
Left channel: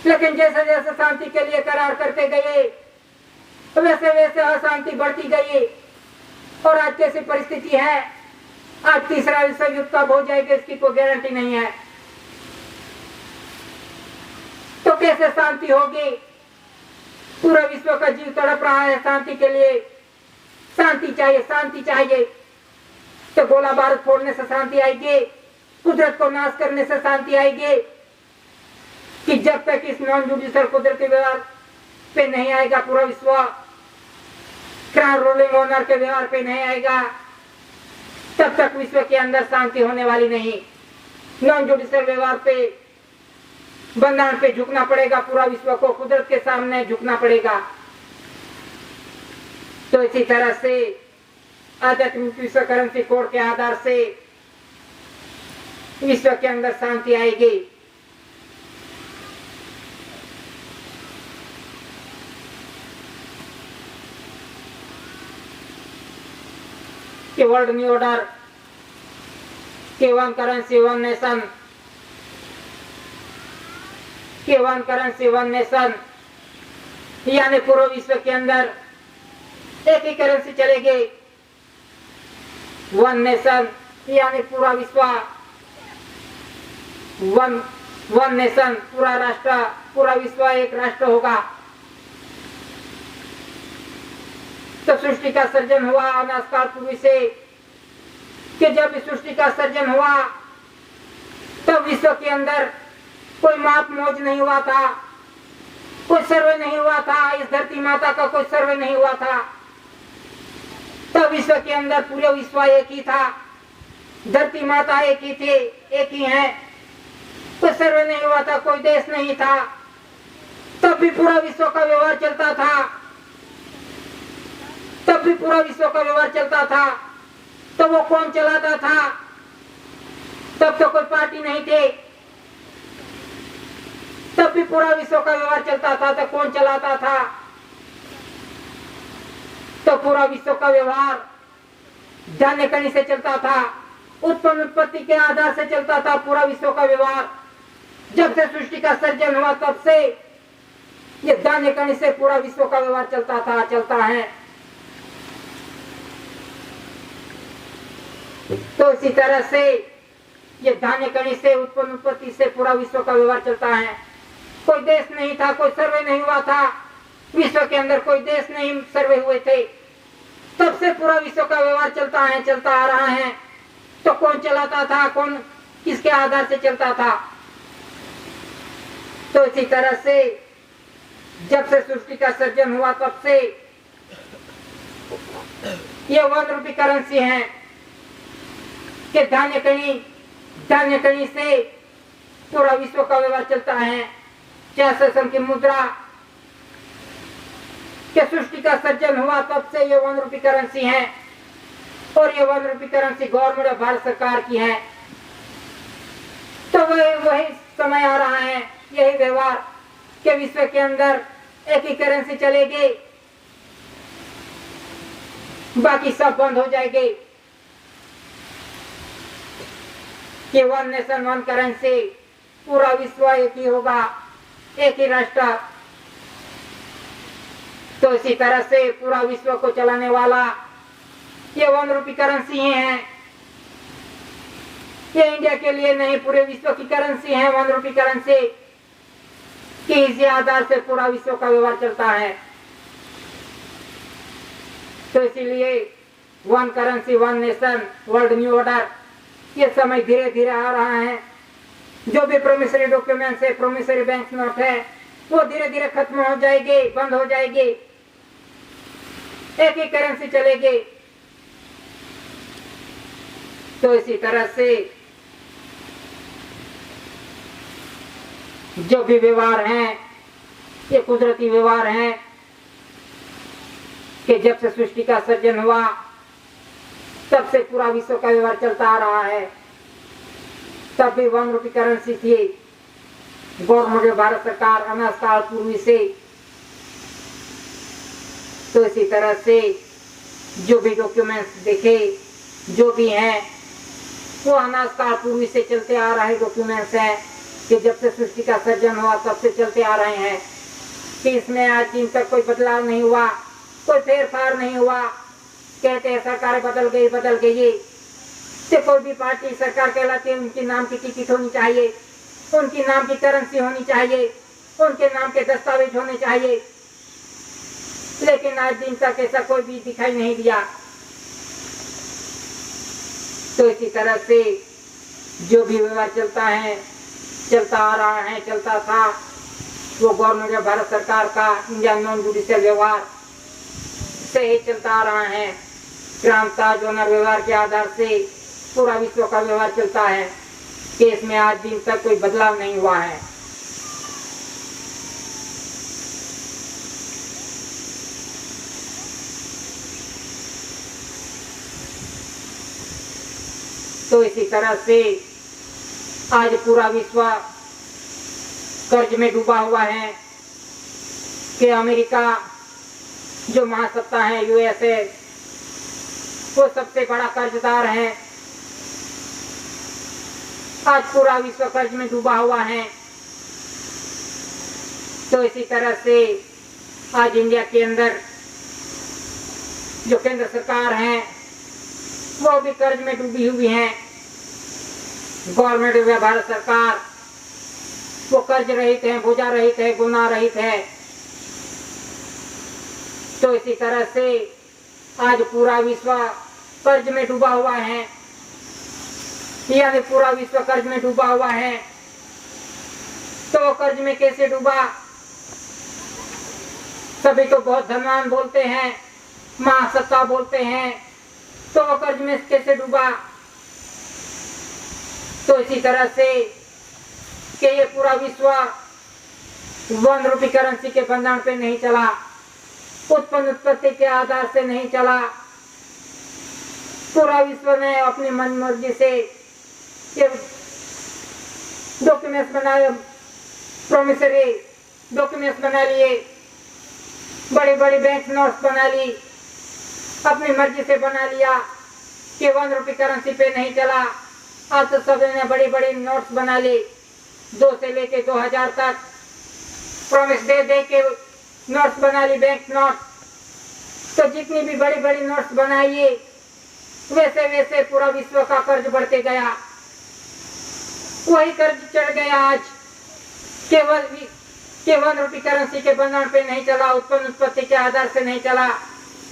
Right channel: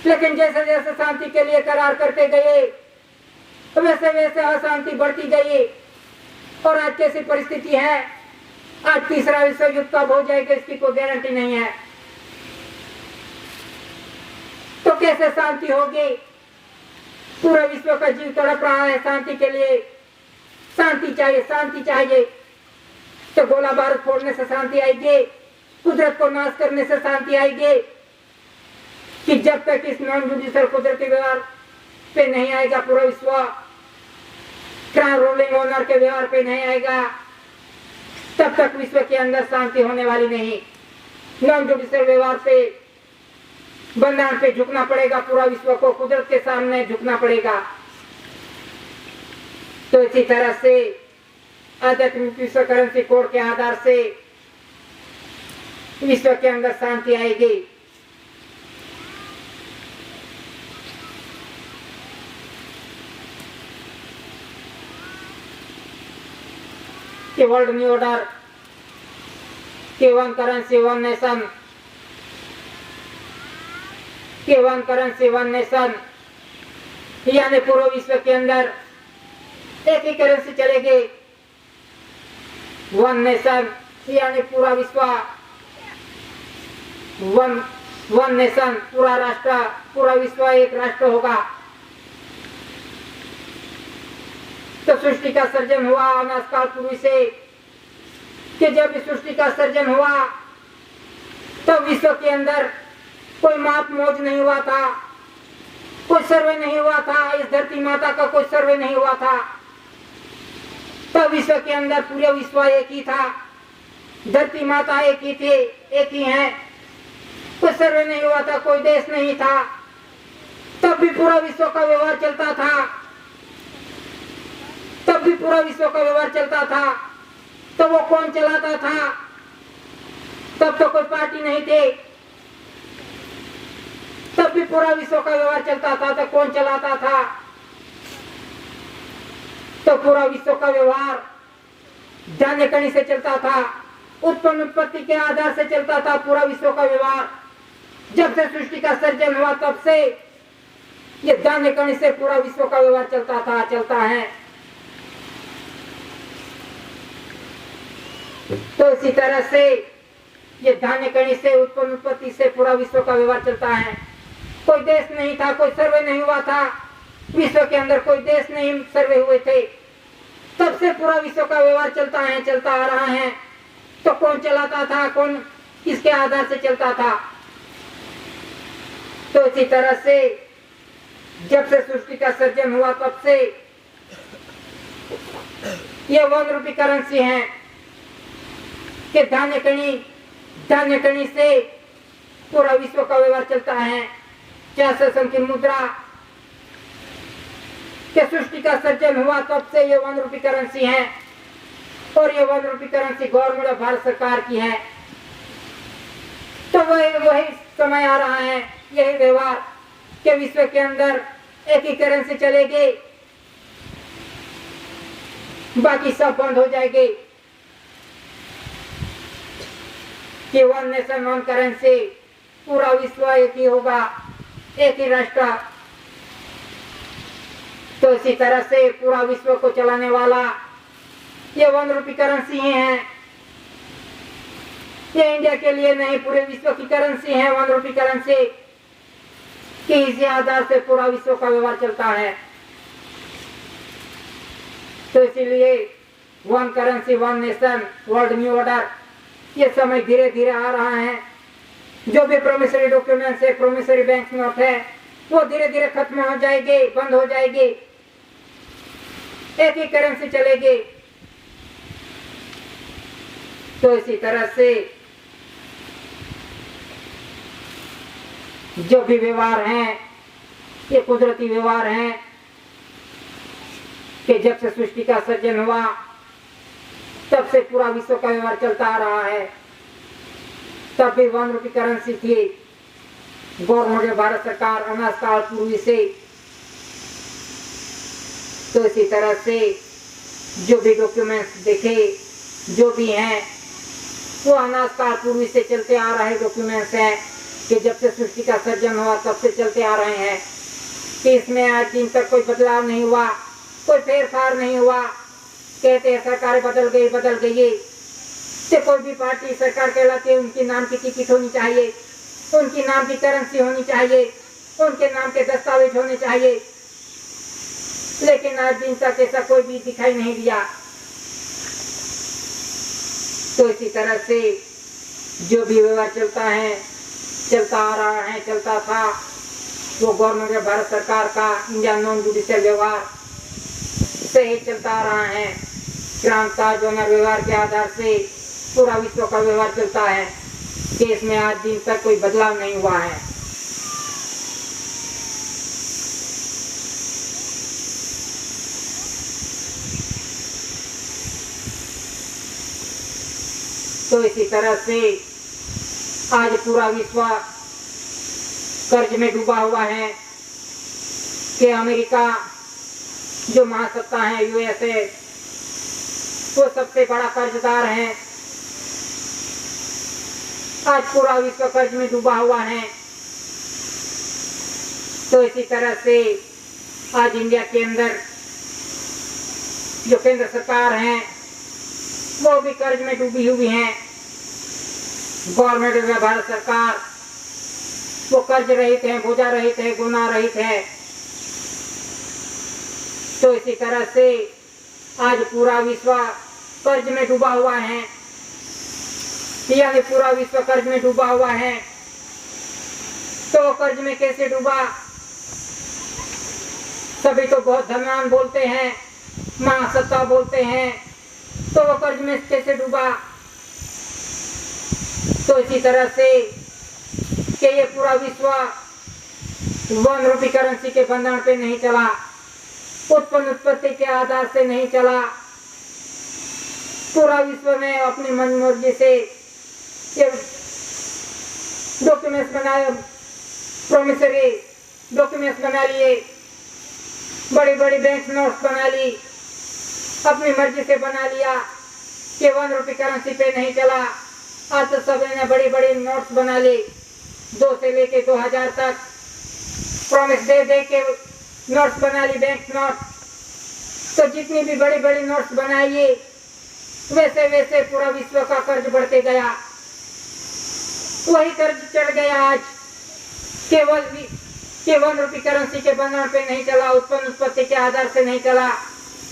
लेकिन जैसे जैसे शांति के लिए करार करते गए वैसे वैसे अशांति बढ़ती गई। और आज कैसी परिस्थिति है, आज तीसरा विश्व युद्ध कब हो जाएगा इसकी कोई गारंटी नहीं है। तो कैसे शांति होगी, पूरा विश्व का जीव तड़प रहा है शांति के लिए। शांति चाहिए, शांति चाहिए। तो गोला बारूद फोड़ने से शांति आएगी, कुदरत को नाश करने से शांति आएगी, कि जब तक इस नॉन जुडिशियल कुदरती व्यवहार पे नहीं आएगा, पूरा विश्व क्राउन रोलिंग ऑनर के व्यवहार पे नहीं आएगा, तब तक विश्व के अंदर शांति होने वाली नहीं। नॉन जुडिशियल व्यवहार पे, बंधन पे झुकना पड़ेगा, पूरा विश्व को कुदरत के सामने झुकना पड़ेगा। तो इसी तरह से आध्यात्मिक विश्व करेंसी कोड के आधार से विश्व के अंदर शांति आएगी। कि वर्ल्ड न्यू ऑर्डर, कि 1 करेंसी 1 नेशन, कि 1 करेंसी 1 नेशन, यानी पूरे विश्व के अंदर एक ही करेंसी चलेगी, वन नेशन, यानी पूरा विश्व वन नेशन, पूरा राष्ट्र, पूरा विश्व एक राष्ट्र होगा। तो सृष्टि का सर्जन हुआ अनादिकाल पूर्व से, कि जब इस सृष्टि का सर्जन हुआ तब विश्व के अंदर कोई माप मोज नहीं हुआ था, कोई सर्वे नहीं हुआ था, इस धरती माता का कोई सर्वे नहीं हुआ था। तब विश्व के अंदर पूरे विश्व एक ही था, धरती माता एक ही थे, एक ही है, कोई सर्वे नहीं हुआ था, कोई देश नहीं था। तब भी पूरा विश्व का व्यवहार चलता था, तब भी पूरा विश्व का व्यवहार चलता था। तो वो कौन चलाता था? तब तो कोई पार्टी नहीं थे, तब भी पूरा विश्व का व्यवहार चलता था। तो कौन चलाता था? तो पूरा विश्व का व्यवहार धान्य कणी से चलता था, उत्पन्न उत्पत्ति के आधार से चलता था पूरा विश्व का व्यवहार। जब से सृष्टि का सर्जन हुआ तब से ये धान्य कणी से पूरा विश्व का व्यवहार चलता था, चलता है। तो इसी तरह से ये धान्य कणी से, उत्पन्न उत्पत्ति से पूरा विश्व का व्यवहार चलता है। कोई देश नहीं था, कोई सर्वे नहीं हुआ था, विश्व के अंदर कोई देश नहीं सर्वे हुए थे, तब से पूरा विश्व का व्यवहार चलता है, चलता आ रहा है। तो कौन चलाता था? कौन किसके आधार से चलता था? तो इसी तरह से जब से सृष्टि का सर्जन हुआ तब से ये वन रूपी करेंसी है कि धान्य कणी से पूरा विश्व का व्यवहार चलता है। जैसे की मुद्रा के सृष्टि का सर्जन हुआ तब से ये वन रूपी करेंसी है, और ये one rupee currency government Bharat सरकार की है। तो वही समय आ रहा है, यही व्यवहार के विश्व के अंदर एक ही करेंसी चलेगी, बाकी सब बंद हो जाएगी। कि वन नेशन वन करेंसी, पूरा विश्व एक ही होगा, एक ही राष्ट्र। तो इसी तरह से पूरा विश्व को चलाने वाला ये वन रूपी करेंसी ही है। ये इंडिया के लिए नहीं, पूरे विश्व की करेंसी है वन रूपी करेंसी, कि इसी आधार से पूरा विश्व का व्यवहार चलता है। तो इसीलिए one currency, one nation, world new order, ये समय धीरे धीरे आ रहा है। जो भी प्रोमिसरी डॉक्यूमेंट्स है, प्रोमिसरी बैंक नोट है, वो धीरे धीरे खत्म हो जाएगी, बंद हो जाएगी, एक ही करेंसी चलेगी। तो इसी तरह से जो भी व्यवहार हैं, ये कुदरती व्यवहार हैं कि जब से सृष्टि का सर्जन हुआ तब से पूरा विश्व का व्यवहार चलता आ रहा है। तब भी वन रूपी करेंसी थी, गवर्नमेंट भारत सरकार अनादिकाल पूर्व से। तो इसी तरह से जो भी डॉक्यूमेंट्स देखे, जो भी हैं, वो अनादिकाल पूर्व से चलते आ रहे डॉक्यूमेंट्स हैं, कि जब से सृष्टि का सर्जन हुआ तब से चलते आ रहे हैं। कि इसमें आज दिन तक कोई बदलाव नहीं हुआ, कोई फेरफार नहीं हुआ। कहते हैं सरकारें बदल गई, तो कोई भी पार्टी सरकार कहलाती है, उनके नाम की टिकट होनी चाहिए, उनकी नाम की करेंसी होनी चाहिए, उनके नाम के दस्तावेज होने चाहिए। लेकिन आज दिन तक ऐसा कोई भी दिखाई नहीं दिया। तो इसी तरह से जो भी व्यवहार चलता है, चलता आ रहा है, चलता था, वो गवर्नमेंट भारत सरकार का इंडियन नॉन जुडिशियल व्यवहार से ही चलता आ रहा है। क्रांता जोनर व्यवहार के आधार से पूरा विश्व का व्यवहार चलता है, कि इसमें आज दिन तक कोई बदलाव नहीं हुआ है। तो इसी तरह से आज पूरा विश्व कर्ज में डूबा हुआ है। कि अमेरिका जो महासत्ता है, यूएसए, वो सबसे बड़ा कर्जदार है। आज पूरा विश्व कर्ज में डूबा हुआ है। तो इसी तरह से आज इंडिया के अंदर जो केंद्र सरकार है वो भी कर्ज में डूबी हुई है। गवर्नमेंट में भारत सरकार वो कर्ज रहित है, बोझा रहित है, गुना रहित है। तो इसी तरह से आज पूरा विश्व कर्ज में डूबा हुआ है, यानी पूरा विश्व कर्ज में डूबा हुआ है। तो कर्ज में कैसे डूबा? सभी तो बहुत धनवान बोलते हैं, महासत्ता बोलते हैं, तो वो कर्ज में कैसे डूबा? तो इसी तरह से कि ये पूरा विश्व 1 रुपी करेंसी के बंधन पे नहीं चला, उत्पन्न उत्पत्ति के आधार से नहीं चला। पूरा विश्व ने अपनी मनमर्जी से डॉक्यूमेंट्स बनाए, प्रोमिसरी डॉक्यूमेंट्स बना लिए, बड़ी बड़ी बैंक नोट्स बना ली, अपनी मर्जी से बना लिया कि 1 रुपी करेंसी पे नहीं चला। आज तो सभी ने बड़ी बड़ी नोट्स बना ली, 2 से लेके 2000 तक प्रॉमिस दे दे के नोट्स बना ली, बैंक नोट। तो जितनी भी बड़ी बड़ी नोट्स बनाई वैसे वैसे पूरा विश्व का कर्ज बढ़ते गया। वही कर्ज चढ़ गया आज, केवल 1 रुपी करेंसी के बंधन पे नहीं चला, उत्पन्न उत्पत्ति के आधार से नहीं चला।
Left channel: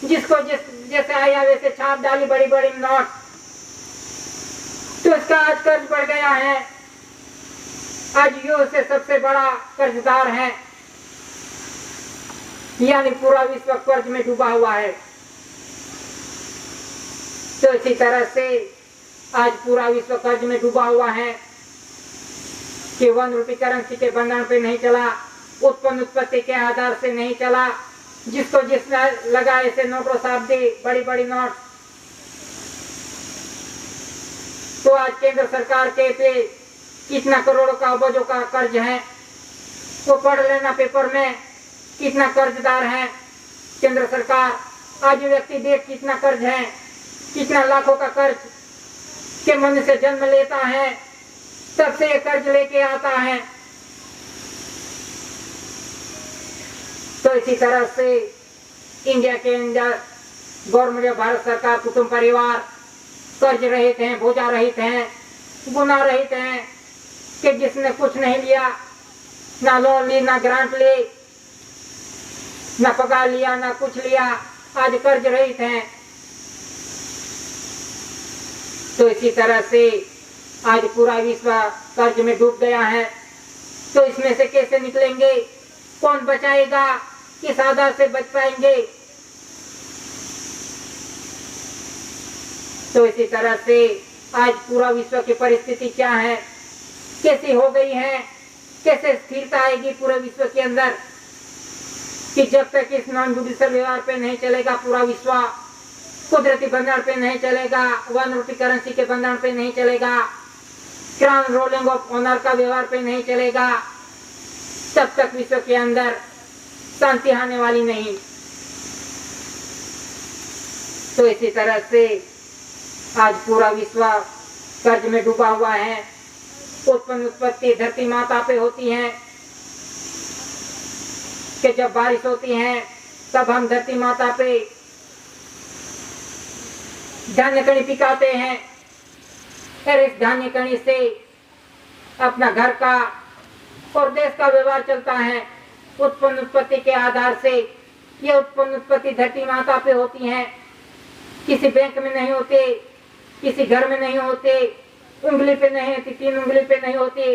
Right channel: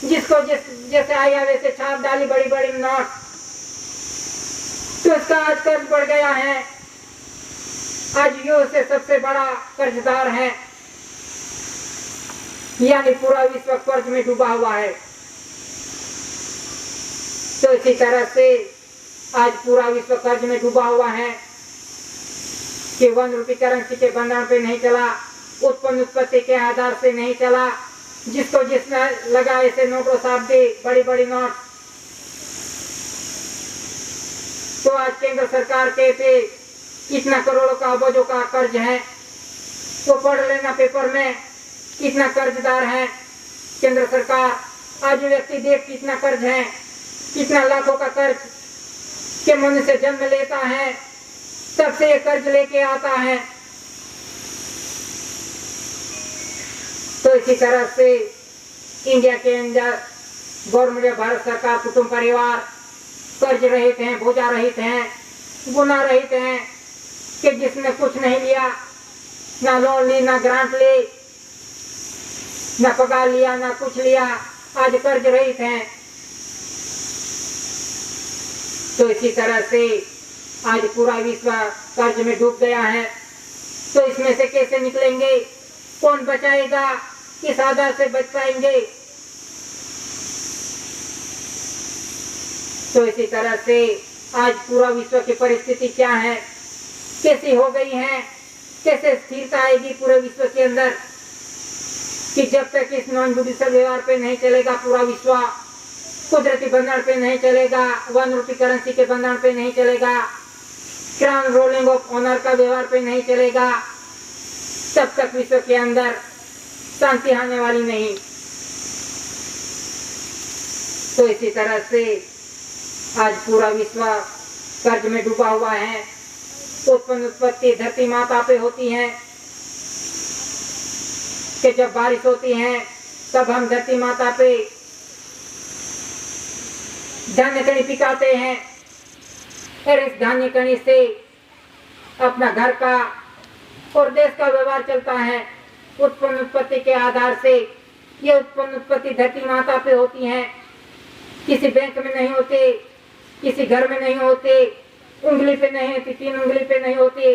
जिसको जैसे आया वैसे छाप डाली बड़ी बड़ी नोट, तो उसका आज कर्ज बढ़ गया है। आज यूं से सबसे बड़ा कर्जदार है, यानी पूरा विश्व कर्ज में डूबा हुआ है। तो इसी तरह से आज पूरा विश्व कर्ज में डूबा हुआ है कि 1 रुपी करेंसी के बंधन पे नहीं चला, उत्पन्न उत्पत्ति के आधार से नहीं चला। जिसको जिसने लगा ऐसे नोटों साहब दी बड़ी बड़ी नोट। तो आज केंद्र सरकार के पे कितना करोड़ों का अरबों का कर्ज है, तो पढ़ लेना पेपर में कितना कर्जदार है केंद्र सरकार। आज व्यक्ति देख कितना कर्ज है, कितना लाखों का कर्ज के मन से जन्म लेता है, तब से ये कर्ज लेके आता है। तो इसी तरह से इंडिया के अंदर गवर्नमेंट, भारत सरकार, कुटुंब परिवार कर्ज रहित हैं, बोझा रहित हैं, गुना रहित हैं कि जिसने कुछ नहीं लिया, ना लोन ली, ना ग्रांट ले, ना पगार लिया, ना कुछ लिया, आज कर्ज रहित हैं। तो इसी तरह से आज पूरा विश्व कर्ज में डूब गया है। तो इसमें से कैसे निकलेंगे? कौन बचाएगा? किस आधार से बच पाएंगे? तो इसी तरह से आज पूरा विश्व की परिस्थिति क्या है, कैसी हो गई है, कैसे स्थिरता आएगी पूरे विश्व के अंदर कि जब तक इस नॉन जुडिशियल व्यवहार पे नहीं चलेगा, पूरा विश्व कुदरती बंधन पे नहीं चलेगा, 1 रुपी करेंसी के बंधन पे नहीं चलेगा, क्राउन रोलिंग ऑफ ऑनर का व्यवहार पे नहीं चलेगा, तब तक विश्व के अंदर शांति आने वाली नहीं। तो इसी तरह से आज पूरा विश्व कर्ज में डूबा हुआ है। उत्पन्न उत्पत्ति धरती माता पे होती है कि जब बारिश होती है तब हम धरती माता पे धान्य कणी पिकाते हैं, और इस धान्य कणी से अपना घर का और देश का व्यवहार चलता है। उत्पन्न उत्पत्ति के आधार से ये उत्पन्न उत्पत्ति धरती माता पे होती है, किसी बैंक में नहीं होते, किसी घर में नहीं होते, उंगली पे नहीं होती, 3 उंगली पे नहीं होती,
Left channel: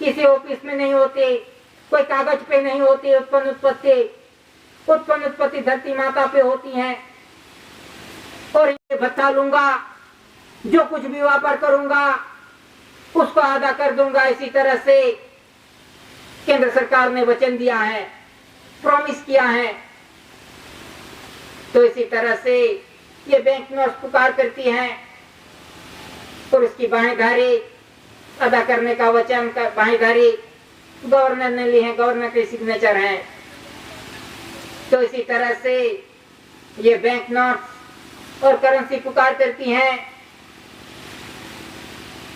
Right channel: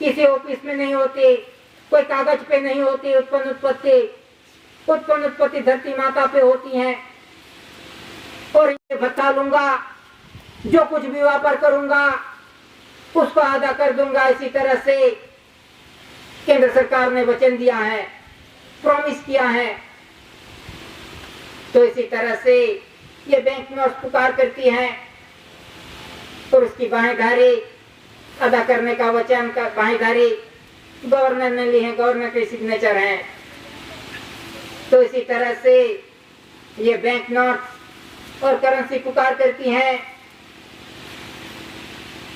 किसी ऑफिस में नहीं होती, कोई कागज पे नहीं होती। उत्पन्न उत्पत्ति धरती माता पे होती है। और ये बता लूंगा, जो कुछ भी व्यापार करूंगा उसको अदा कर दूंगा। इसी तरह से केंद्र सरकार ने वचन दिया है, प्रॉमिस किया है। तो इसी तरह से ये बैंक नोट्स पुकार करती है और उसकी बाहेंधारी अदा करने का वचन का बाहेंधारी गवर्नर ने ली है, गवर्नर के सिग्नेचर हैं। तो इसी तरह से ये बैंक नोट और करेंसी पुकार करती हैं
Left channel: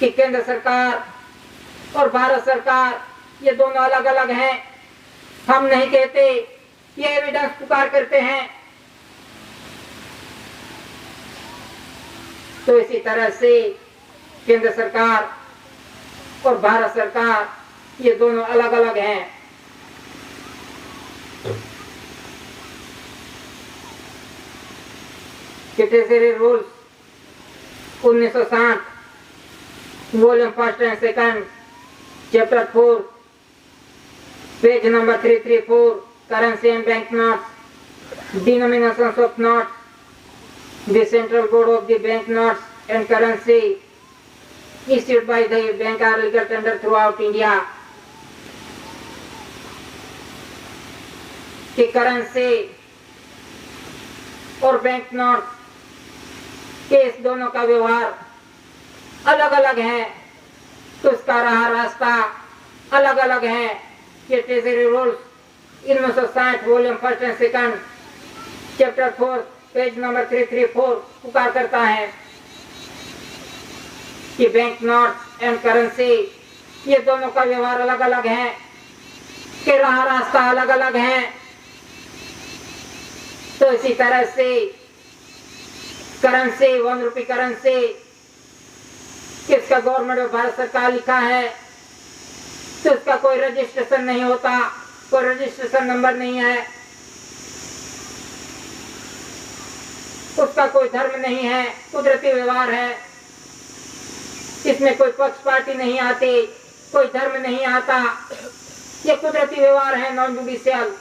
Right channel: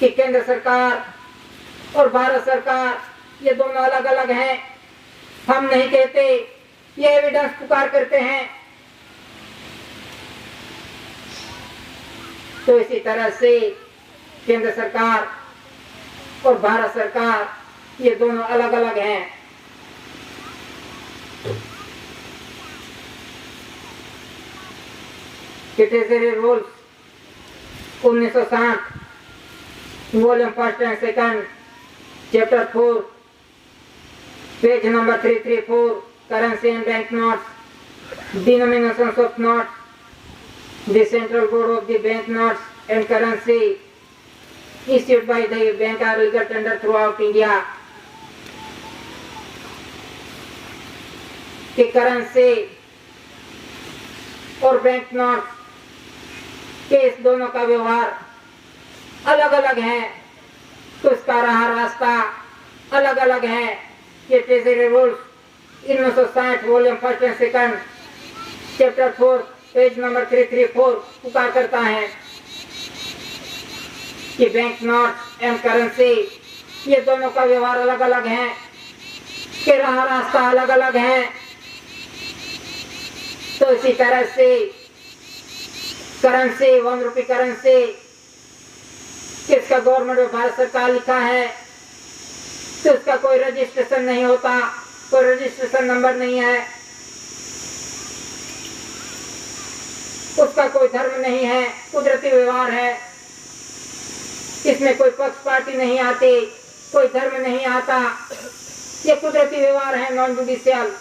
कि केंद्र सरकार और भारत सरकार ये दोनों अलग अलग हैं। हम नहीं कहते ये एविडेंस पुकार करते हैं। तो इसी तरह से केंद्र सरकार और भारत सरकार ये दोनों अलग अलग हैं। Treasury rules 1960 volume 1 and 2 chapter 4 page number 334 currency and bank notes denominations of notes the central board of the bank notes and currency issued by the bank are legal tender throughout India कि currency और bank note के इस दोनों का व्यवहार अलग अलग है, तो इसका रहा रास्ता अलग अलग है। ये treasury rules 1960 volume 1 and 2 chapter 4 page number 334 पुकार करता है कि बैंक नोट एंड करेंसी ये दोनों का व्यवहार अलग अलग है, कि रहा रास्ता अलग अलग है। तो इसी तरह से करेंसी 1 रुपये करेंसी इसका गवर्नमेंट ऑफ भारत सरकार लिखा है, तो इसका कोई रजिस्ट्रेशन नहीं होता, कोई रजिस्ट्रेशन नंबर नहीं है, उसका कोई धर्म नहीं है, कुदरती व्यवहार है। इसमें कोई पक्ष पार्टी नहीं आती, कोई धर्म नहीं आता, ये कुदरती व्यवहार है, नॉन जुडिशियल।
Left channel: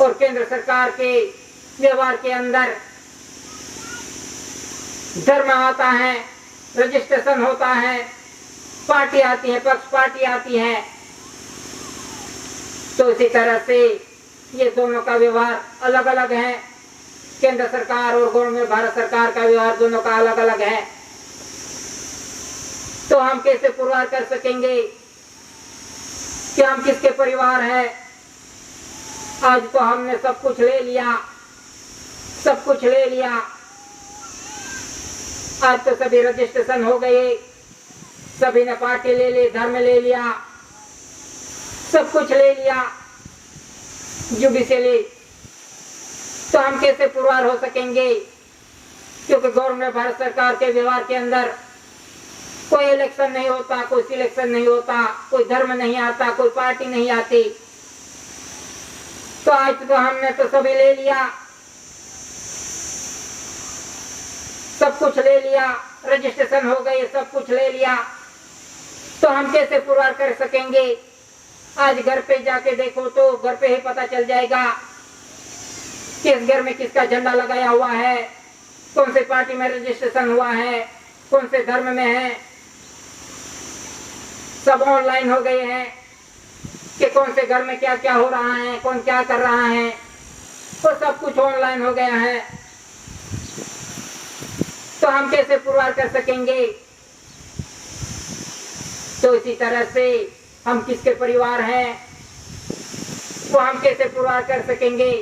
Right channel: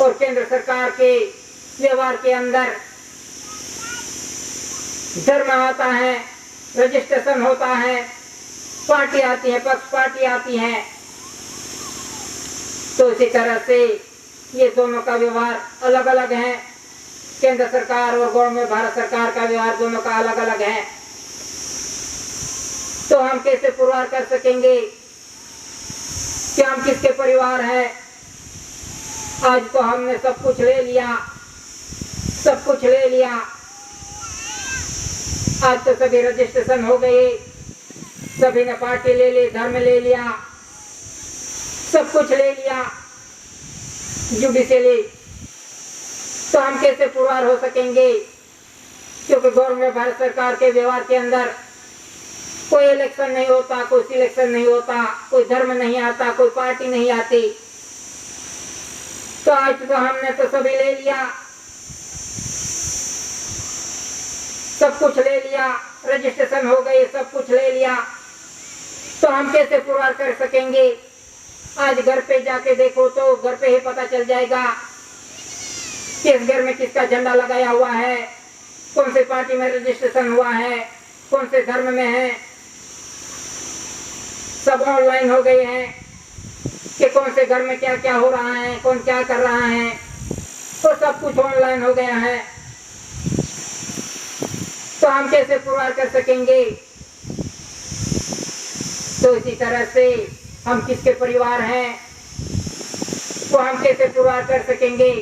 और केंद्र सरकार के व्यवहार के अंदर धर्म आता है, रजिस्ट्रेशन होता है, पार्टी आती है, पक्ष पार्टी आती है। तो इसी तरह से ये दोनों का व्यवहार अलग अलग है। केंद्र सरकार और गवर्नमेंट भारत सरकार का व्यवहार दोनों का अलग अलग है। तो हम कैसे पुरवार कर सकेंगे कि हम किसके परिवार हैं? आज तो हमने सब कुछ ले लिया, सब कुछ ले लिया। आज तो सभी रजिस्ट्रेशन हो गए, सभी ने पार्टी ले ली, धर्म ले लिया, सब कुछ ले लिया जुडिशियली। तो हम कैसे पुरवार हो सकेंगे? क्योंकि गवर्नमेंट भारत सरकार के व्यवहार के अंदर कोई इलेक्शन नहीं होता, कोई सिलेक्शन नहीं होता, कोई धर्म नहीं आता, कोई पार्टी नहीं आती। तो आज तो हमने तो सभी ले लिया, सब कुछ ले लिया, रजिस्ट्रेशन हो गए, सब कुछ ले लिया। तो हम कैसे पुरवार कर सकेंगे? आज घर पे जाके देखो तो घर पे ही पता चल जाएगा किस घर में किसका झंडा लगाया हुआ है, कौन से पार्टी में रजिस्ट्रेशन हुआ है, कौन से धर्म में है। सब ऑनलाइन हो गए हैं कि कौन से घर में क्या क्या हो रहा है, कौन क्या कर रहा है, तो सब कुछ ऑनलाइन हो गया है। तो हम कैसे पुरवार कर सकेंगे? तो इसी तरह से हम किसके परिवार हैं, तो हम कैसे पुरवार कर सकेंगे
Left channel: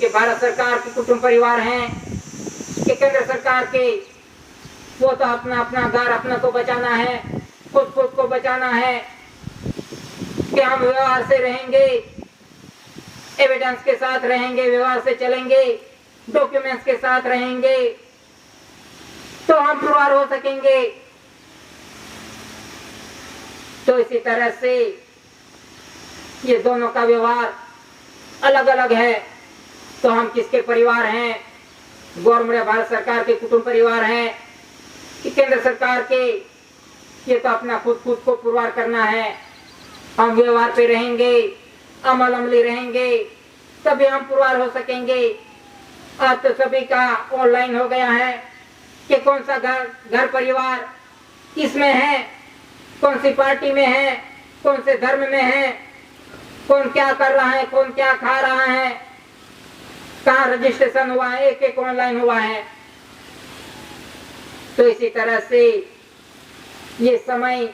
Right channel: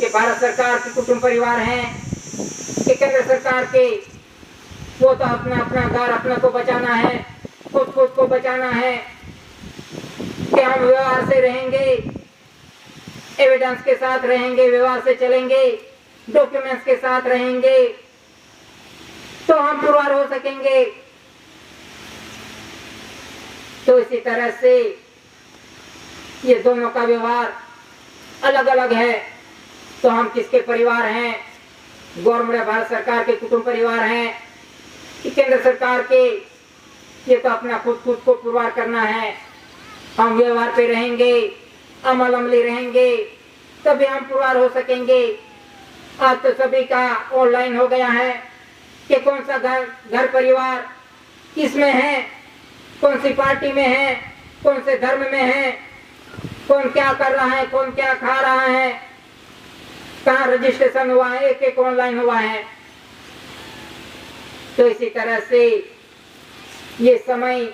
कि भारत सरकार के कुटुंब परिवार हैं, कि केंद्र सरकार के वो तो अपना अपना घर अपना को बचाना है, खुद खुद को बचाना है, कि हम व्यवहार से रहेंगे, एविडेंस के साथ रहेंगे, व्यवहार से चलेंगे, डॉक्यूमेंट्स के साथ रहेंगे, तो हम पुरवार हो सकेंगे। तो इसी तरह से ये दोनों का व्यवहार अलग अलग है। तो हम किसके परिवार हैं? गवर्नमेंट भारत सरकार के कुटुंब परिवार हैं कि केंद्र सरकार के? ये तो अपना खुद खुद को पुरवार करना है। हम व्यवहार पे रहेंगे, अमल अमली रहेंगे, तभी हम पुरवार हो सकेंगे। आज तो सभी का ऑनलाइन हो गया है कि कौन सा घर परिवार किसमें है, कौन सी पार्टी में है, कौन से धर्म में है, कौन क्या कर रहा है, कौन क्या खा रहा है, कहाँ रजिस्ट्रेशन हुआ है, एक एक ऑनलाइन हुआ है। तो इसी तरह से ये समय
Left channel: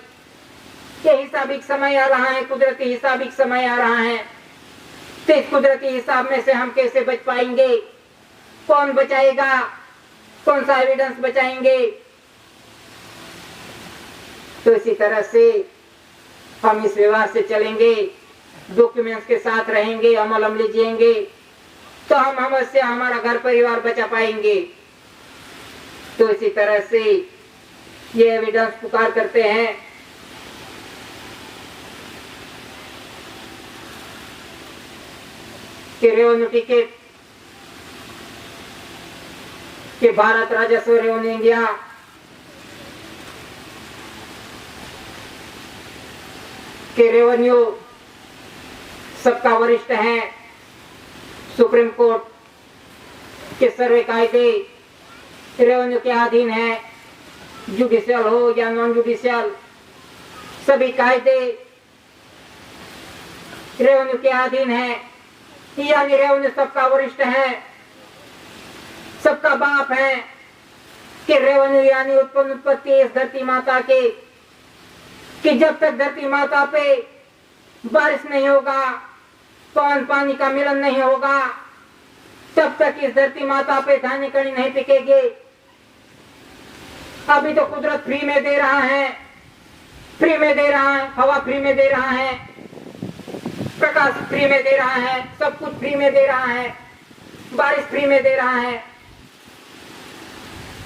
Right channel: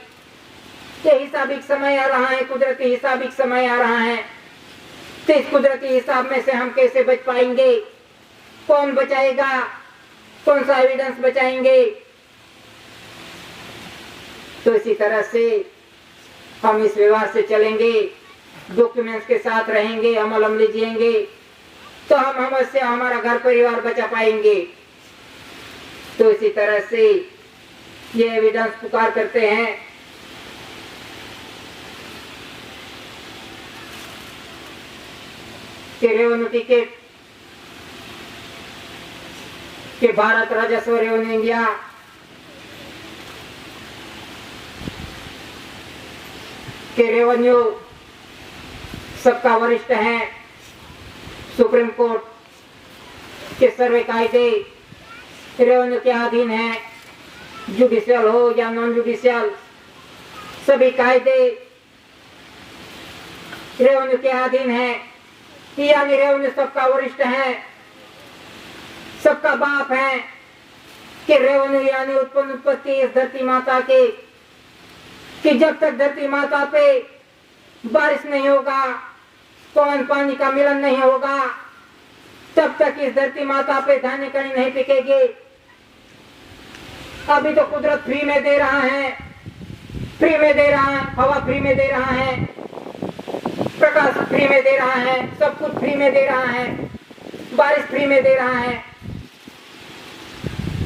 के हिसाबिक समय आ रहा है, कुदरती हिसाबिक समय आ रहा है। तो इस कुदरती हिसाब में से हम कैसे बच पाएंगे? कौन बचाएगा? कौन सा एविडेंस बचाएंगे? तो इसी तरह से हम इस व्यवहार से चलेंगे डॉक्यूमेंट्स के साथ रहेंगे, अमल अमली जिएंगे, तो हम हमसे हमारा घर परिवार बचा पाएंगे। तो इसी तरह से ये एविडेंस पुकार करते हैं कि रेवेन्यू टिकट के भारत राजस्व रेवेन्यू इंडिया के रेवेन्यू सबका वरिष्ठ है, सुप्रीम कोर्ट के सर्वे कायदे रेवेन्यू के अधीन है, जुडिशियल हो या नॉन जुडिशियल, सभी कायदे रेवेन्यू के अधीन है। यानी रेवेन्यू सबका वरिष्ठ है, सबका बाप है कि रेवेन्यू यानी उत्पन्न उत्पत्ति इस धरती माता के, कि जब तक धरती माता पे बारिश नहीं होगा, पवन पानी का मिलन नहीं होगा, तब तक इस धरती माता पे धान्य कणी नहीं पिकेगी। अभी तो कुदरत फ्री में दे रहा है, फ्री में दे रहा है, हवा फ्री में दे रहा है, प्रकाश फ्री में दे रहा है, सब कुछ फ्री में दे रहा है, बारिश फ्री में दे रहा है।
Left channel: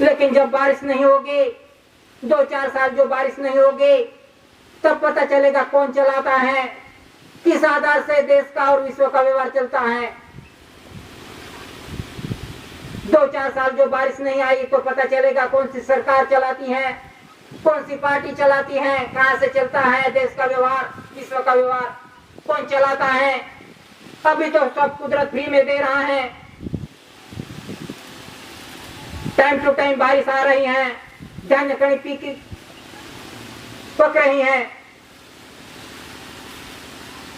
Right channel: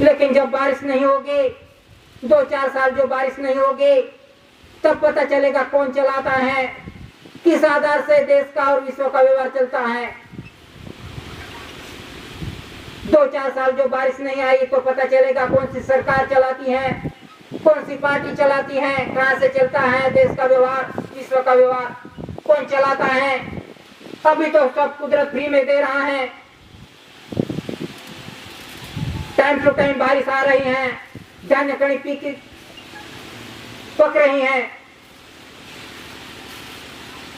लेकिन जब बारिश नहीं होगी, 2-4 साल जो बारिश नहीं होगी, तब पता चलेगा कौन चलाता है, किस आधार से देश का और विश्व का व्यवहार चलता है। 2-4 साल जो बारिश नहीं आई तो पता चलेगा कौन सी सरकार चलाती है, कौन सी पार्टी चलाती है, कहां से चलता है देश का व्यवहार, विश्व का व्यवहार, कौन चलाता है। अभी तो सब कुदरत फ्री में दे रहा है, टाइम टू टाइम बारिश आ रही है, धान्य कणी पक रही हैं।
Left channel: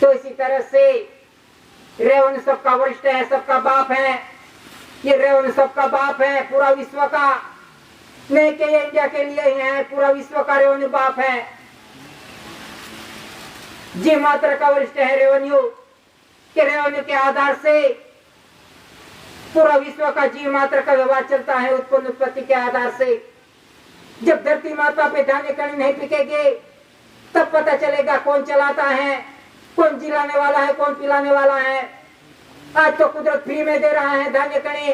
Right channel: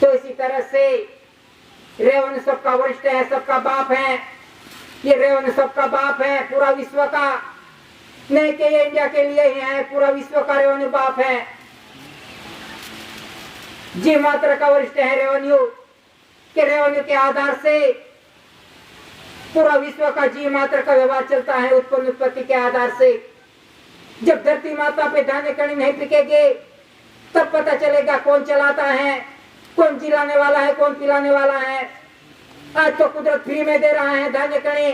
तो इसी तरह से रेवेन्यू सबका वरिष्ठ है, सबका बाप है। ये रेवेन्यू सबका बाप है पूरा विश्व का, नहीं कि ये इंडिया के लिए ही है, पूरा विश्व का रेवेन्यू बाप है। जी मात्र का वरिष्ठ है रेवेन्यू, के रेवेन्यू के आधार से पूरा विश्व का जी मात्र का व्यवहार चलता है, उत्पन्न उत्पत्ति के आधार से। जब धरती माता पे धान्य कणी नहीं पिकेगी, तब पता चलेगा कौन चलाता है, कौन जिलाने वाला है, कौन पिलाने वाला है। आज तो कुदरत फ्री में दे रहा है, धान्य कणी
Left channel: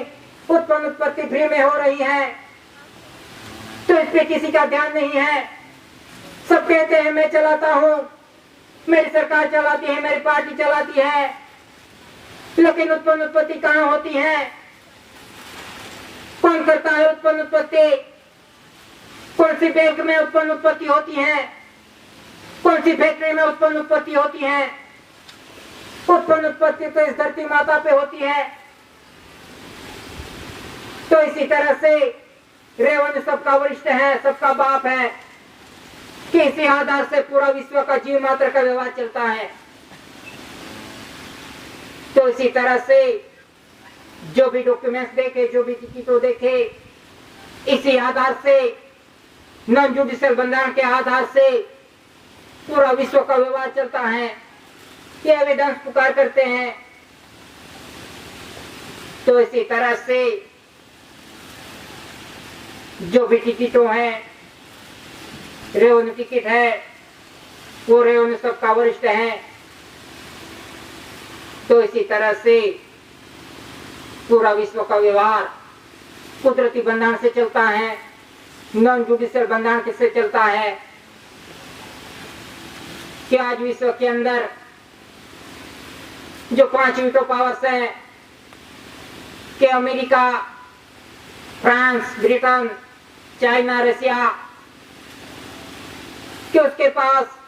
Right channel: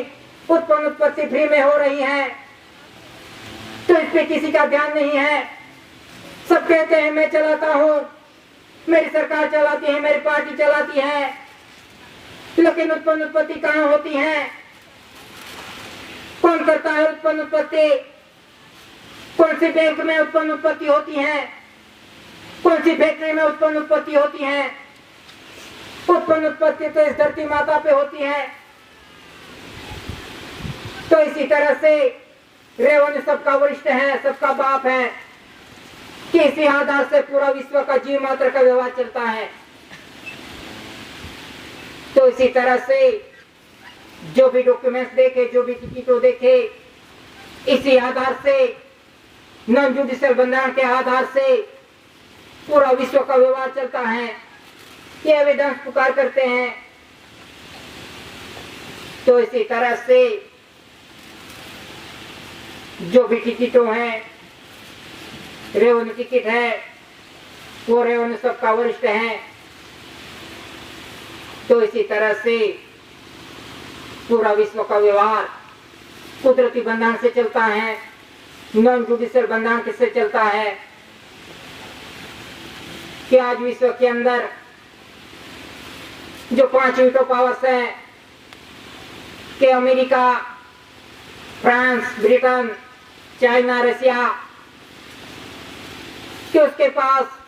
उत्पन्न उत्पत्ति फ्री में हो रही है, तो इस पे किसी का ध्यान नहीं है। सब कहते हैं मैं चलाता हूँ, मेरी सरकार चलाती है, मेरी पार्टी चलाती है, लेकिन उत्पन्न उत्पत्ति कहाँ होती है, कौन करता है उत्पन्न उत्पत्ति, कौन सी बैंक में उत्पन्न उत्पत्ति होती है, कौन सी फैक्ट्री में उत्पन्न उत्पत्ति होती है। उत्पन्न उत्पत्ति तो इस धरती माता पे होती है। तो इसी तरह से रेवेन्यू सबका वरिष्ठ है, सबका बाप है, कि इसी आधार से पूरा विश्व का जीव मात्र का व्यवहार चलता है। तो इसी तरह से जो भी डॉक्यूमेंट्स देखे, जो भी टिकटों देखे, इसी आधार से नॉन जुडिशियल बंधारण के आधार से पूरा विश्व का व्यवहार चलता है। ये एविडेंस पुकार करते हैं। तो इसी तरह से जो भी टिकटों हैं, रेवेन्यू टिकट है, वो रेवेन्यू सबका वरिष्ठ है। तो इसी तरह से पूरा विश्व का व्यवहार कुदरती बंधन से चलता है, नॉन जुडिशियल बंधन किससे चलता है कि आज विश्व के अंदर जो 5 वीटो पावर्स हैं कि America, France, Britain, China, Russia, कि उसके पास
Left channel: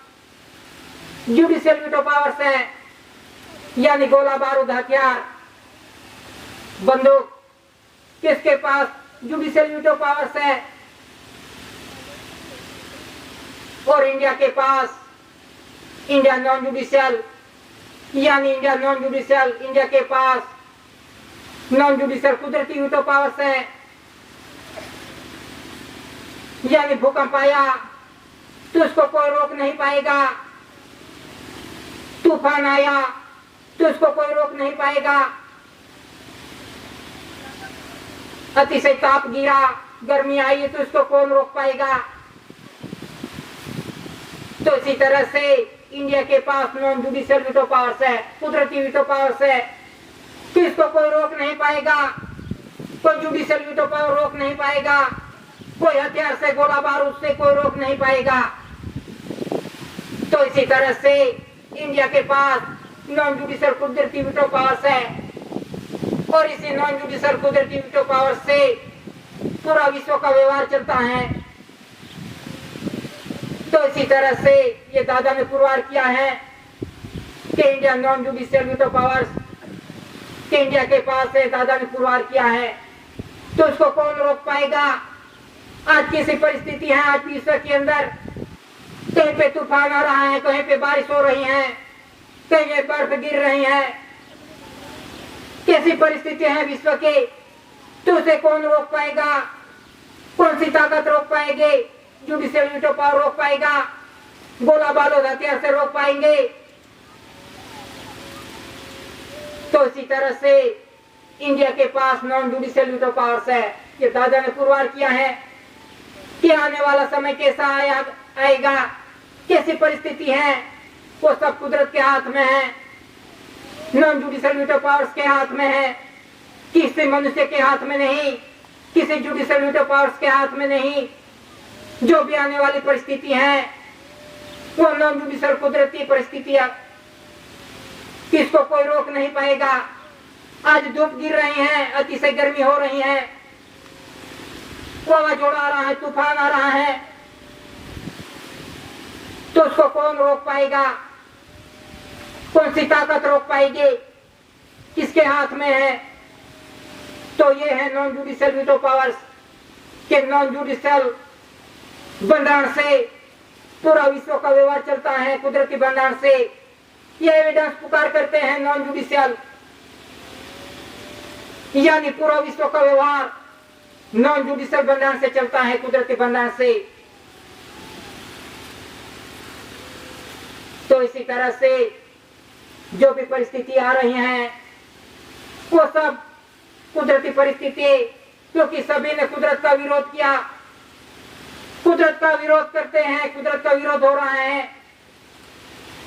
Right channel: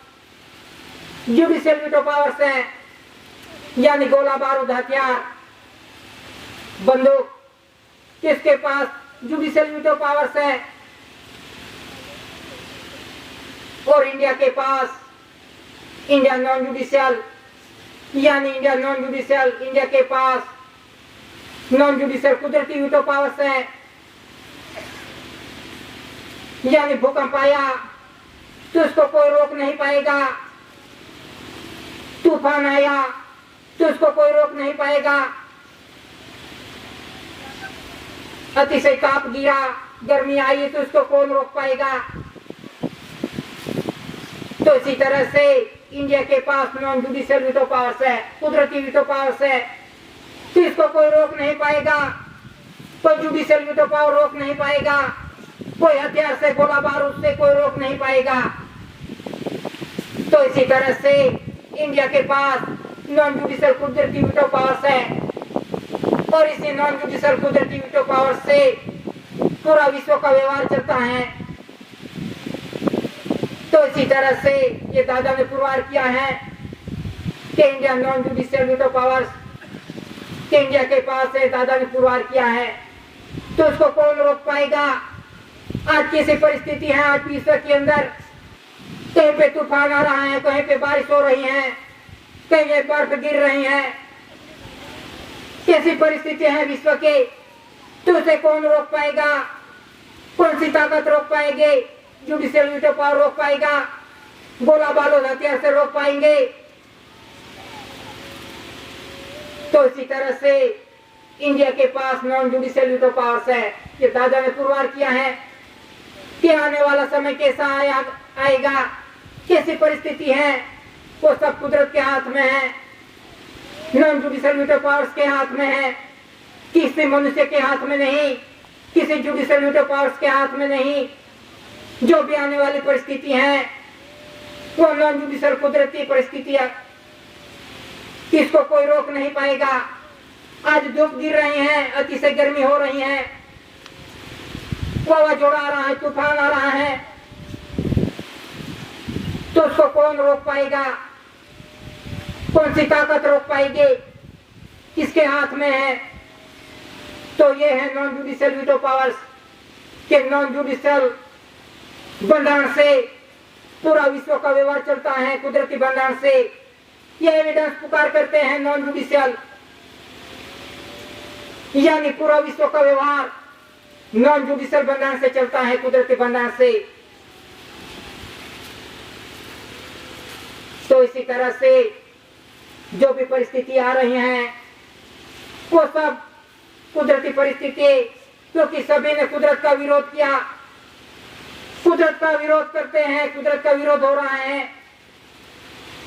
जुडिशियल वीटो पावर्स हैं, यानी गोला बारूद हथियार बंदूक, किसके पास जुडिशियल वीटो पावर्स है। और इंडिया के पास इंडिया नॉन जुडिशियल, यानी इंडिया नॉन जुडिशियल, इंडिया के पास नॉन जुडिशियल कुदरती वीटो पावर्स है। यानी भूकंप आया तो उसको कोई रोक नहीं पाएगा, तूफान आया तो उसको कोई रोक नहीं पाएगा, अतिशय ताप गिरा, गर्मी आई तो उसको कौन रोक पाएगा। तो इसी तरह से इंडिया के पास नॉन जुडिशियल वीटो पावर्स है, कुदरती वीटो पावर्स है, किसको कोई रोक नहीं पाएगा, कोई जुडिशियल वीटो पावर रोक नहीं पाएगा, कोई हथियार से गोला बारूद से कोई रोक नहीं पाएगा। तो इसी तरह से इंडिया के पास नॉन जुडिशियल कुदरती वीटो पावर्स है और इसी नॉन जुडिशियल कुदरती वीटो पावर से पूरा विश्व का व्यवहार चलता है। तो इसी तरह से ये दादा ने पुरवार किया है कि India non judicial veto powers कि इंडिया के पास है, दादा ने पुरवार किया है, तो उसको कौन रोक पाएगा। आज कैसी परिस्थिति है, आज विश्व के अंदर कहीं पे तूफान आ रहा है, कहीं पे बारिश हो रही है, कहीं पे बर्फ गिर रही है, कैसी परिस्थिति है विश्व के, तो उसे कौन रोक पाएगा, कौन सी ताकत रोक पाएंगे, जुडिशियल वीटो पावर रोक पाएगा, गोला बारूद हथियार से रोक पाएंगे। तो इसी तरह से इंडिया के पास नॉन जुडिशियल वीटो पावर्स है। ये दादा ने पुरवार किया है कि आने वाला समय कैसा आएगा, कैसी परिस्थिति है, वो सब कुदरत के हाथ में है, नॉन जुडिशियल वीटो पावर्स के हाथ में है, किसी मनुष्य के हाथ में नहीं, किसी जुडिशियल वीटो पावर्स के हाथ में नहीं। जो भी आने वाली परिस्थिति है वो नॉन जुडिशियल कुदरत की परिस्थितियां, किसको कोई रोक नहीं पाएगा। आज धूप गिर रही है, अतिशय गर्मी हो रही है, वावाझोड़ा आ रहा है, तूफान आ रहा है, तो उसको कौन रोक पाएगा, कौन सी ताकत रोक पाएगी, किसके हाथ में है। तो ये है नॉन जुडिशियल वीटो पावर्स के नॉन जुडिशियल बंधारण से पूरा विश्व का व्यवहार चलता है, कुदरती बंधारण से। ये एविडेंस पुकार करते हैं नॉन जुडिशियल, यानी पूरा विश्व का व्यवहार नॉन जुडिशियल बंधारण से चलता है, कुदरती बंधारण से। तो इसी तरह से जो भी परिस्थिति आ रही हैं वो सब कुदरती परिस्थिति, क्योंकि सभी ने कुदरत का विरोध किया, कुदरत का विरोध करते हैं, कुदरत का विरोध हो रहा है।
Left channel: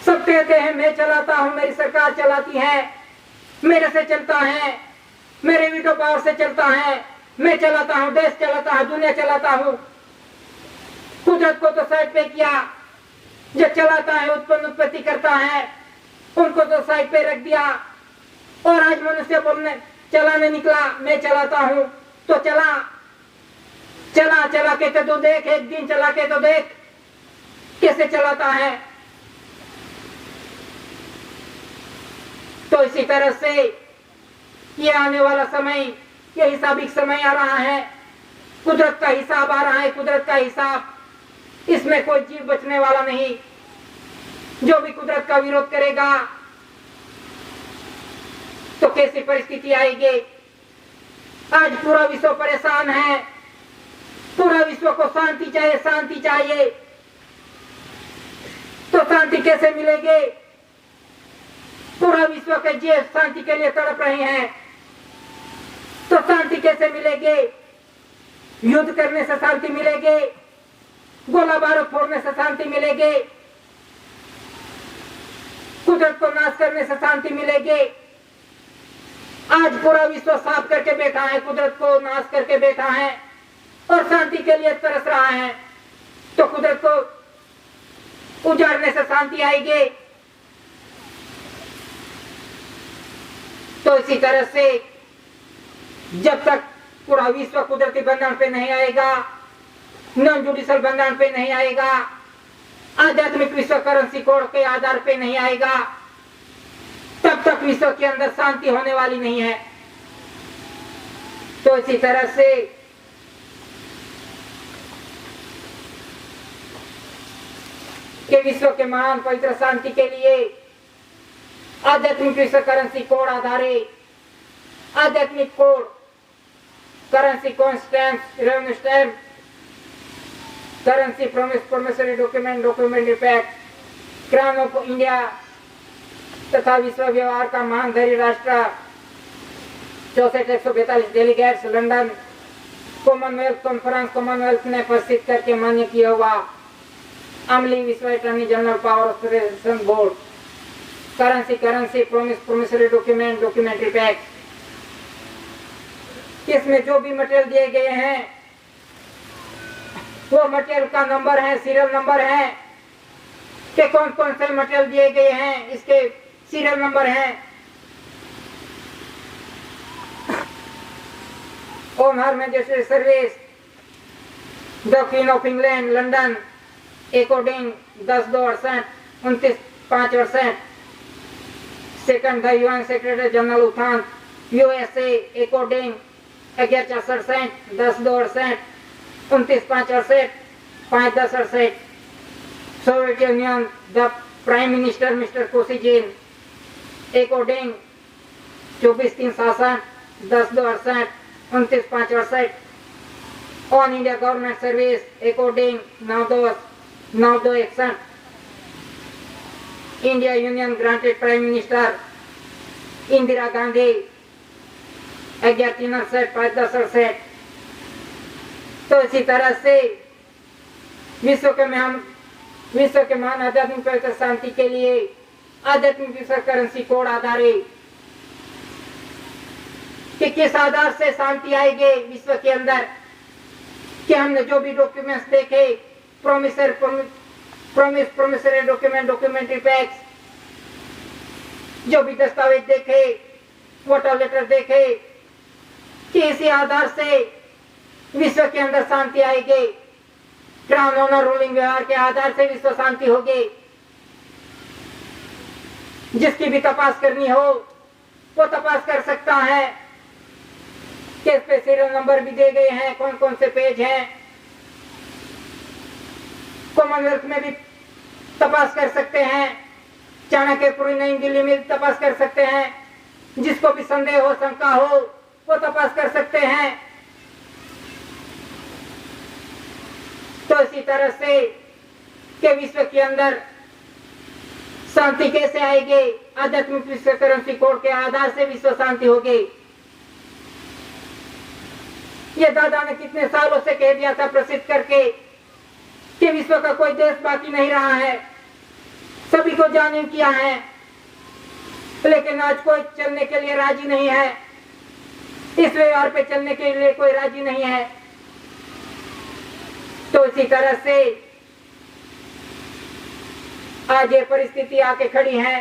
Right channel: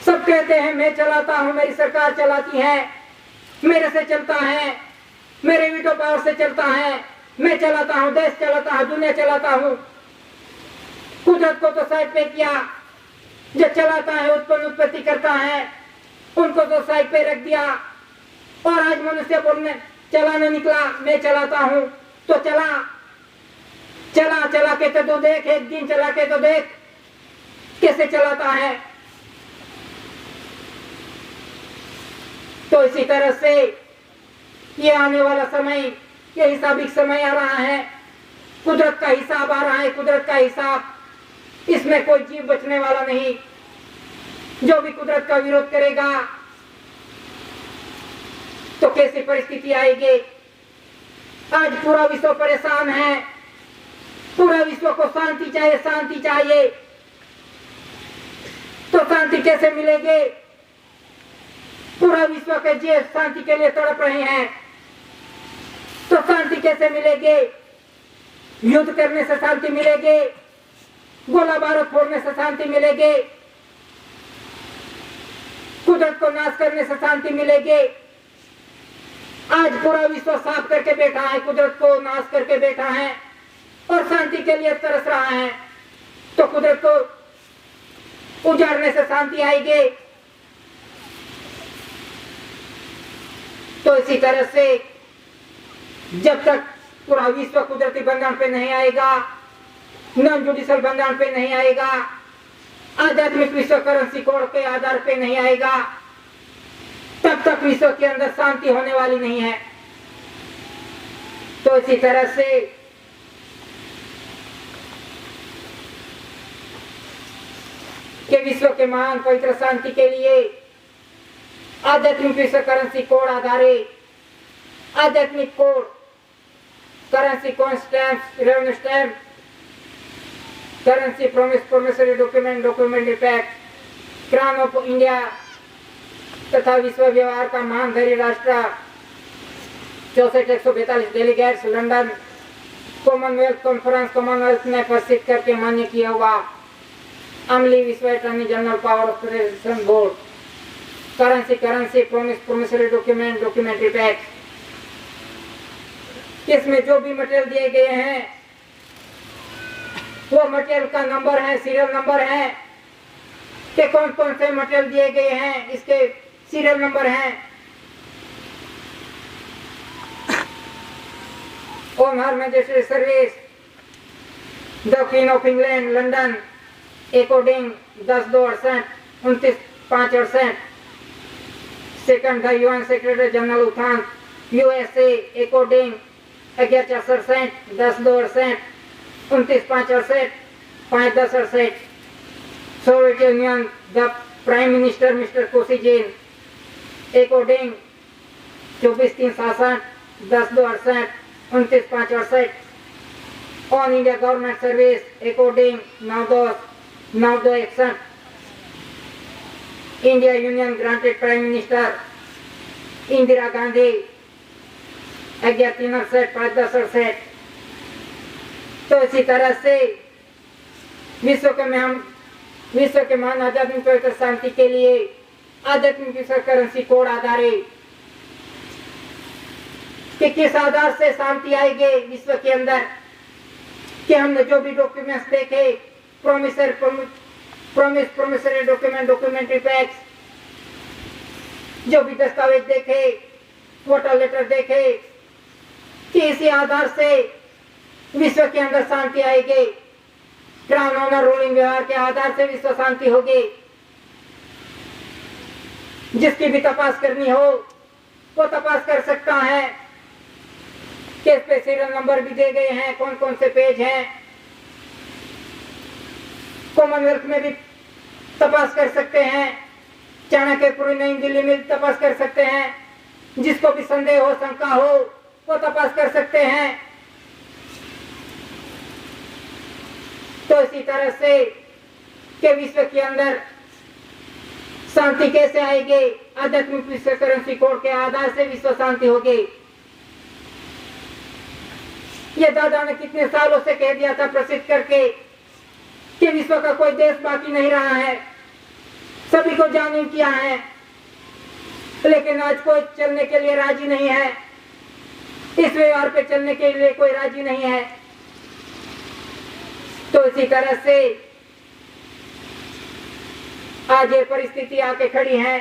सब कहते हैं मैं चलाता हूं, मेरी सरकार चलाती है, मेरे से चलता है, मेरे वीटो पावर से चलता है, मैं चलाता हूं, देश चलाता हूं, दुनिया चलाता हूं। कुदरत को तो साइड पे किया, जो चलाता है, उत्पत्ति करता है, उनको तो साइड पे रख दिया। और आज मनुष्य बोलने चलाने निकला, मैं चलाता हूं, तो चला के तो देख, एक दिन चला के तो देख कैसे चलाता है। तो इसी तरह से ये आने वाला समय, ये हिसाबिक समय आ रहा है, कुदरत का हिसाब आ रहा है, कुदरत का हिसाब, इसमें कोई जीव बचने वाला नहीं। जो भी कुदरत का विरोध करेगा तो कैसी परिस्थिति आएगी। आज पूरा विश्व परेशान है, पूरा विश्व को शांति चाहिए, शांति चाहिए, तो शांति कैसे मिलेगी। पूरा विश्व के जीव शांति के लिए तड़प रहे हैं, तो शांति कैसे मिलेगी। युद्ध करने से शांति मिलेगी, गोला बारूद फोड़ने से शांति मिलेगी, कुदरत को नाश करने से शांति मिलेगी। आज पूरा विश्व साफ करके बैठा है, कुदरत को नाश करके बैठा है और शांति के लिए तरस रहा है, तो कुदरत को उजाड़ने से शांति आएगी। तो इसी तरह से जब तक पूरा विश्व कुदरती बंधन पे नहीं आएगा, नॉन जुडिशियल बंधन पे नहीं आएगा, आध्यात्मिक विश्व करेंसी कोड के आधार पे नहीं आएगा, तब तक विश्व के अंदर शांति होने वाली नहीं है। तो इसी तरह से कि विश्व के महान पवित्र शांति के लिए आध्यात्मिक विश्व करेंसी कोड आधारित आध्यात्मिक code, currency coin stamp, revenue stamp, currency promissory document, documentary pact, crown of India तथा विश्व व्यवहार का महान धरी राष्ट्र 64,142 delegates London Commonwealth conference, Commonwealth ने प्रसिद्ध करके मान्य किया हुआ अमली विश्व attorney general power operation board, currency promissory document, documentary pacts, इसमें जो भी मटेरियल दिए गए हैं वो मटेरियल का नंबर है, सीरियल नंबर है कि कौन कौन से मटेरियल दिए गए हैं, इसके सीरियल नंबर हैं। Home her majesty service, the queen of England, London, according 10/2/68, 29/5/68, second the UN secretary general U Thant, USA, according 11/4/68, 10/2/68, 29/5/68, 5/10/68, Soviet Union, the prime minister mister Kosygin, according 24/3/67, 10/2/68, 29/5/68, on India government service, according 9/2/61, India union granted prime minister Indira Gandhi 11/3/68, 5/10/68। तो इसी तरह से विश्व के महान आध्यात्मिक पवित्र शांति के लिए आध्यात्मिक विश्व करेंसी कोड आधारित कि किस आधार से शांति आएगी विश्व के अंदर, कि हमने जो भी डॉक्यूमेंट्स देखे, प्रोमिसरी डॉक्यूमेंट, डॉक्यूमेंट्री पैक्स, जो भी दस्तावेज देखे, वोटर लेटर देखे, कि इसी आधार से विश्व के अंदर शांति आएगी। क्राउन ऑनर रूलिंग व्यवहार के आधार से विश्व शांति होगी। जिसकी भी तपास करनी हो वो तपास कर सकता है कि इस पे सीरियल नंबर भी दे गए हैं, कौन कौन से पेज हैं। कॉमनवेल्थ में भी तपास कर सकते हैं, चाणक्यपुरी नई दिल्ली में भी तपास कर सकते हैं। जिसको भी संदेह हो, शंका हो, वो तपास कर सकते हैं। तो इसी तरह से कि विश्व के अंदर शांति कैसे आएगी, आध्यात्मिक विश्व करेंसी कोड के आधार से विश्व शांति होगी। ये दादा ने कितने सालों से कह दिया था प्रसिद्ध करके कि विश्व का कोई देश बाकी नहीं रहा है, सभी को जानिम किया है, लेकिन आज कोई चलने के लिए राजी नहीं है, इस व्यवहार पे चलने के लिए कोई राजी नहीं है। तो इसी तरह से आज ये परिस्थिति आके खड़ी है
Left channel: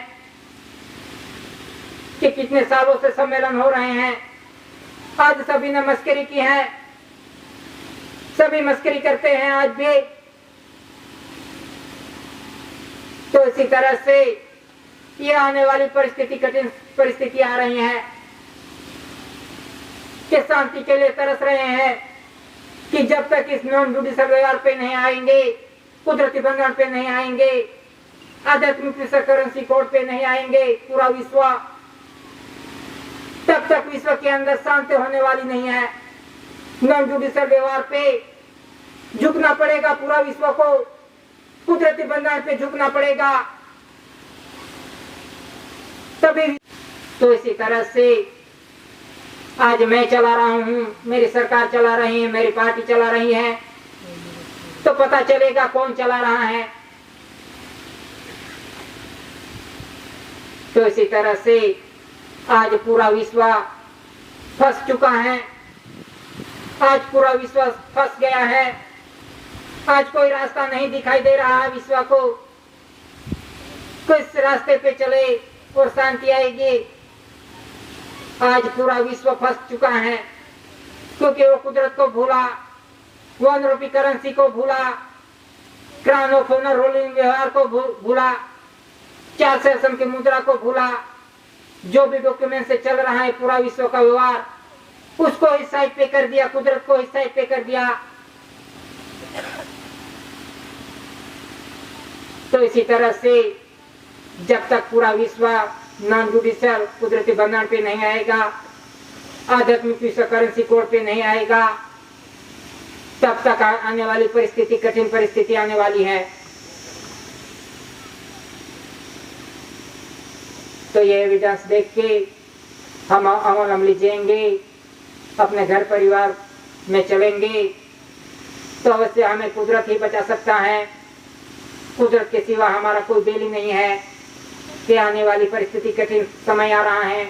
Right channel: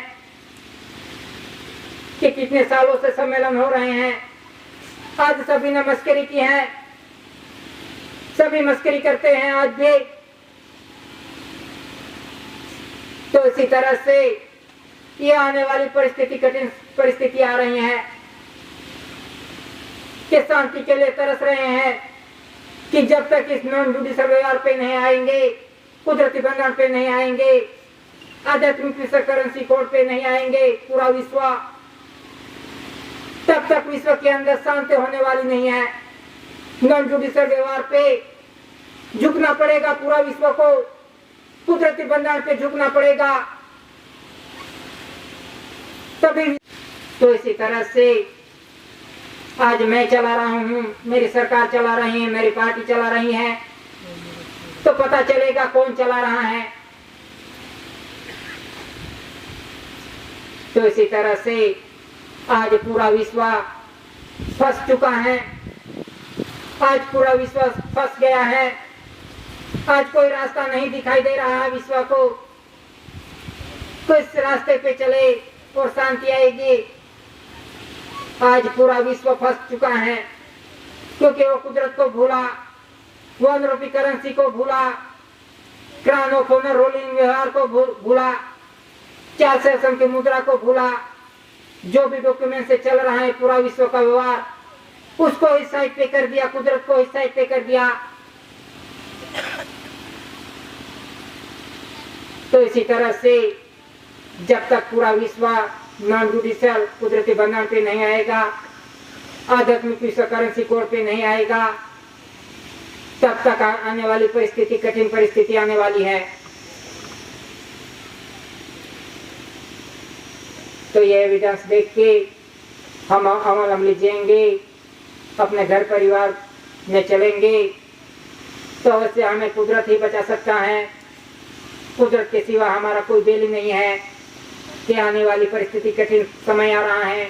कि कितने सालों से सम्मेलन हो रहे हैं, आज सभी ने मस्करी की है, सभी मस्करी करते हैं आज भी। तो इसी तरह से ये आने वाली परिस्थिति, कठिन परिस्थिति आ रही है कि शांति के लिए तरस रहे हैं कि जब तक इस नॉन जुडिशियल व्यवहार पे नहीं आएंगे, कुदरती बंधन पे नहीं आएंगे, आध्यात्मिक विश्व करेंसी कोड पे नहीं आएंगे पूरा विश्व, तब तक विश्व के अंदर शांति होने वाली नहीं है। नॉन जुडिशियल व्यवहार पे झुकना पड़ेगा पूरा विश्व को, कुदरती बंधन पे झुकना पड़ेगा तभी। तो इसी तरह से आज मैं चला रहा हूँ, मेरी सरकार चला रही है, मेरी पार्टी चला रही है, तो पता चलेगा कौन चला रहा है। तो इसी तरह से आज पूरा विश्व फंस चुका है, आज पूरा विश्व फंस गया है, आज कोई रास्ता नहीं दिखाई दे रहा है विश्व को, किस रास्ते पे चले और शांति आएगी। आज पूरा विश्व फंस चुका है क्योंकि वो कुदरत को भूला, वन रूपी करेंसी को भूला, क्राउन ऑफ ऑनर रूलिंग व्यवहार को भूला, 4 सेशन की मुद्रा को भूला। जो भी डॉक्यूमेंट से चल रहा है पूरा विश्व का व्यवहार, उसको इस साइड पे कर दिया, कुदरत को इस साइड पे कर दिया। तो इसी तरह से जब तक पूरा विश्व नॉन जुडिशियल कुदरती बंधन पे नहीं आएगा, आध्यात्मिक विश्व करेंसी कोड पे नहीं आएगा, तब तक आने वाली परिस्थिति, कठिन परिस्थिति आने वाली है। तो ये एविडेंस देख के हम अमल अमली जिएंगे, अपने घर परिवार में चलेंगे, तो अवश्य हमें कुदरत ही बचा सकता है। कुदरत के सिवा हमारा कोई बेली नहीं है कि आने वाली परिस्थिति कठिन समय आ रहा है।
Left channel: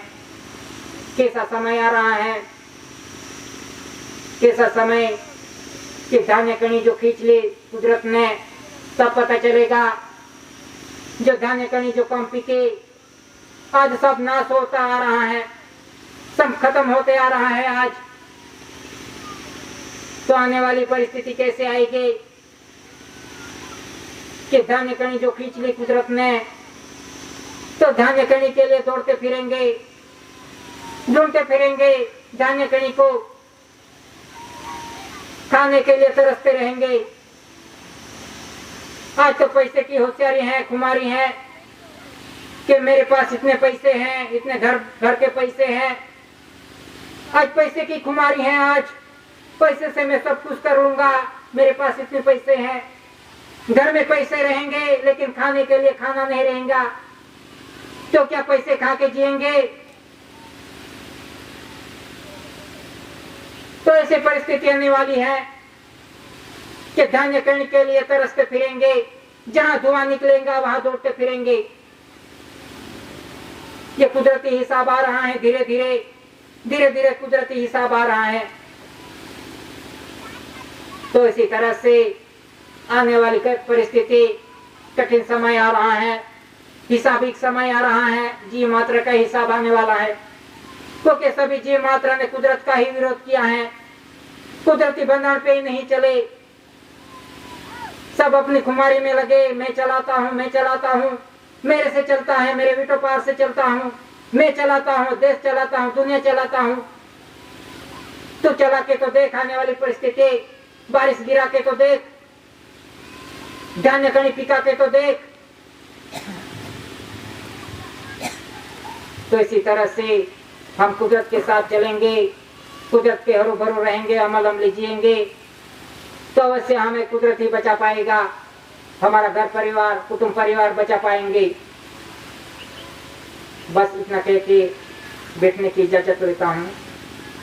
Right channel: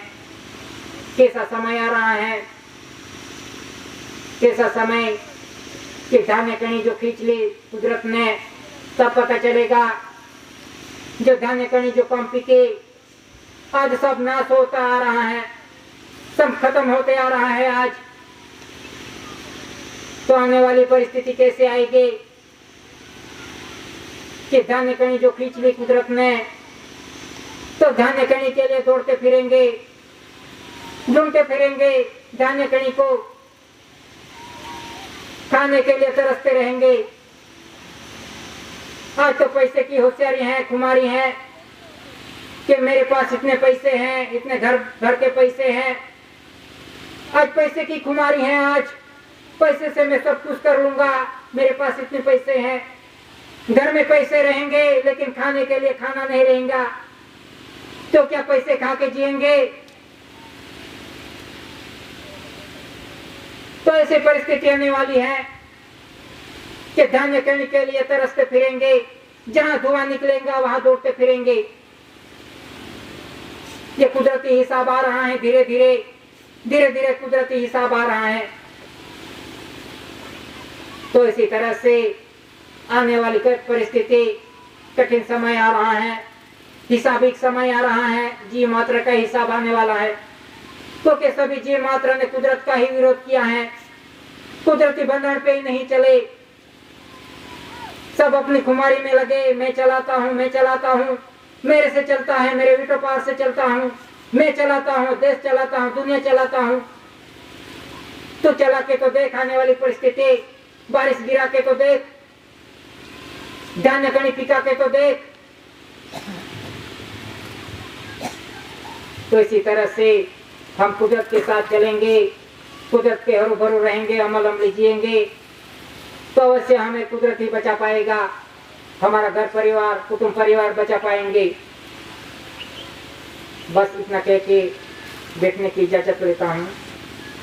कैसा समय आ रहा है, कैसा समय कि धान्य कणी जो खींच ली कुदरत ने, तब पता चलेगा। जो धान्य कणी जो कम पिके, आज सब नाश होता आ रहा है, सब खत्म होते आ रहा है आज। तो आने वाली परिस्थिति कैसे आएगी कि धान्य कणी जो खींच ली कुदरत ने, तो धान्य कणी के लिए दौड़ते फिरेंगे, ढूंढते फिरेंगे, धान्य कणी को खाने के लिए तरसते रहेंगे। आज तो पैसे की होशियारी है, खुमारी है कि मेरे पास इतने पैसे हैं, इतने घर के पैसे हैं। आज पैसे की खुमारी है, आज पैसे से मैं सब कुछ कर लूंगा, मेरे पास इतने पैसे हैं। घर में पैसे रहेंगे लेकिन खाने के लिए खाना नहीं रहेगा, तो क्या पैसे खा के जिएंगे? तो ऐसी परिस्थिति आने वाली है कि धान्य कणी के लिए तरसते फिरेंगे, जहां धुआं निकलेगा वहां दौड़ते फिरेंगे। ये कुदरती हिसाब आ रहा है, धीरे धीरे कुदरती हिसाब आ रहा है। तो इसी तरह से आने वाली परिस्थिति कठिन समय आ रहा है, हिसाबिक समय आ रहा है, जीव मात्र का हिसाब आने वाला है। क्योंकि सभी जीव मात्रा ने कुदरत का ही विरोध किया है, कुदरती बंधन पे ही नहीं चले, सब अपनी खुमारी में लगे। मैं चलाता हूँ, मेरे से चलता है, मेरे विटो पार से चलता हूँ, मैं चलाता हूँ, देश चलाता हूँ, दुनिया चलाता हूँ। तो चला के तो देख आने वाली परिस्थिति, बारिश गिरा के तो देख, धान्य कणी पिका के तो देख। तो इसी तरह से हम कुदरत के साथ चलेंगे, कुदरत के हरू भरू रहेंगे, अमल अमली जिएंगे, तो अवश्य हमें कुदरत ही बचा पाएगा, हमारा घर परिवार, कुटुंब परिवार बचा पाएंगे। बस इतना कह के बैठने की इजाजत लेता हूँ।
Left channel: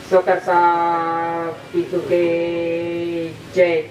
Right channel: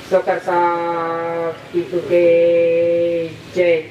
सोतर साहब की जय।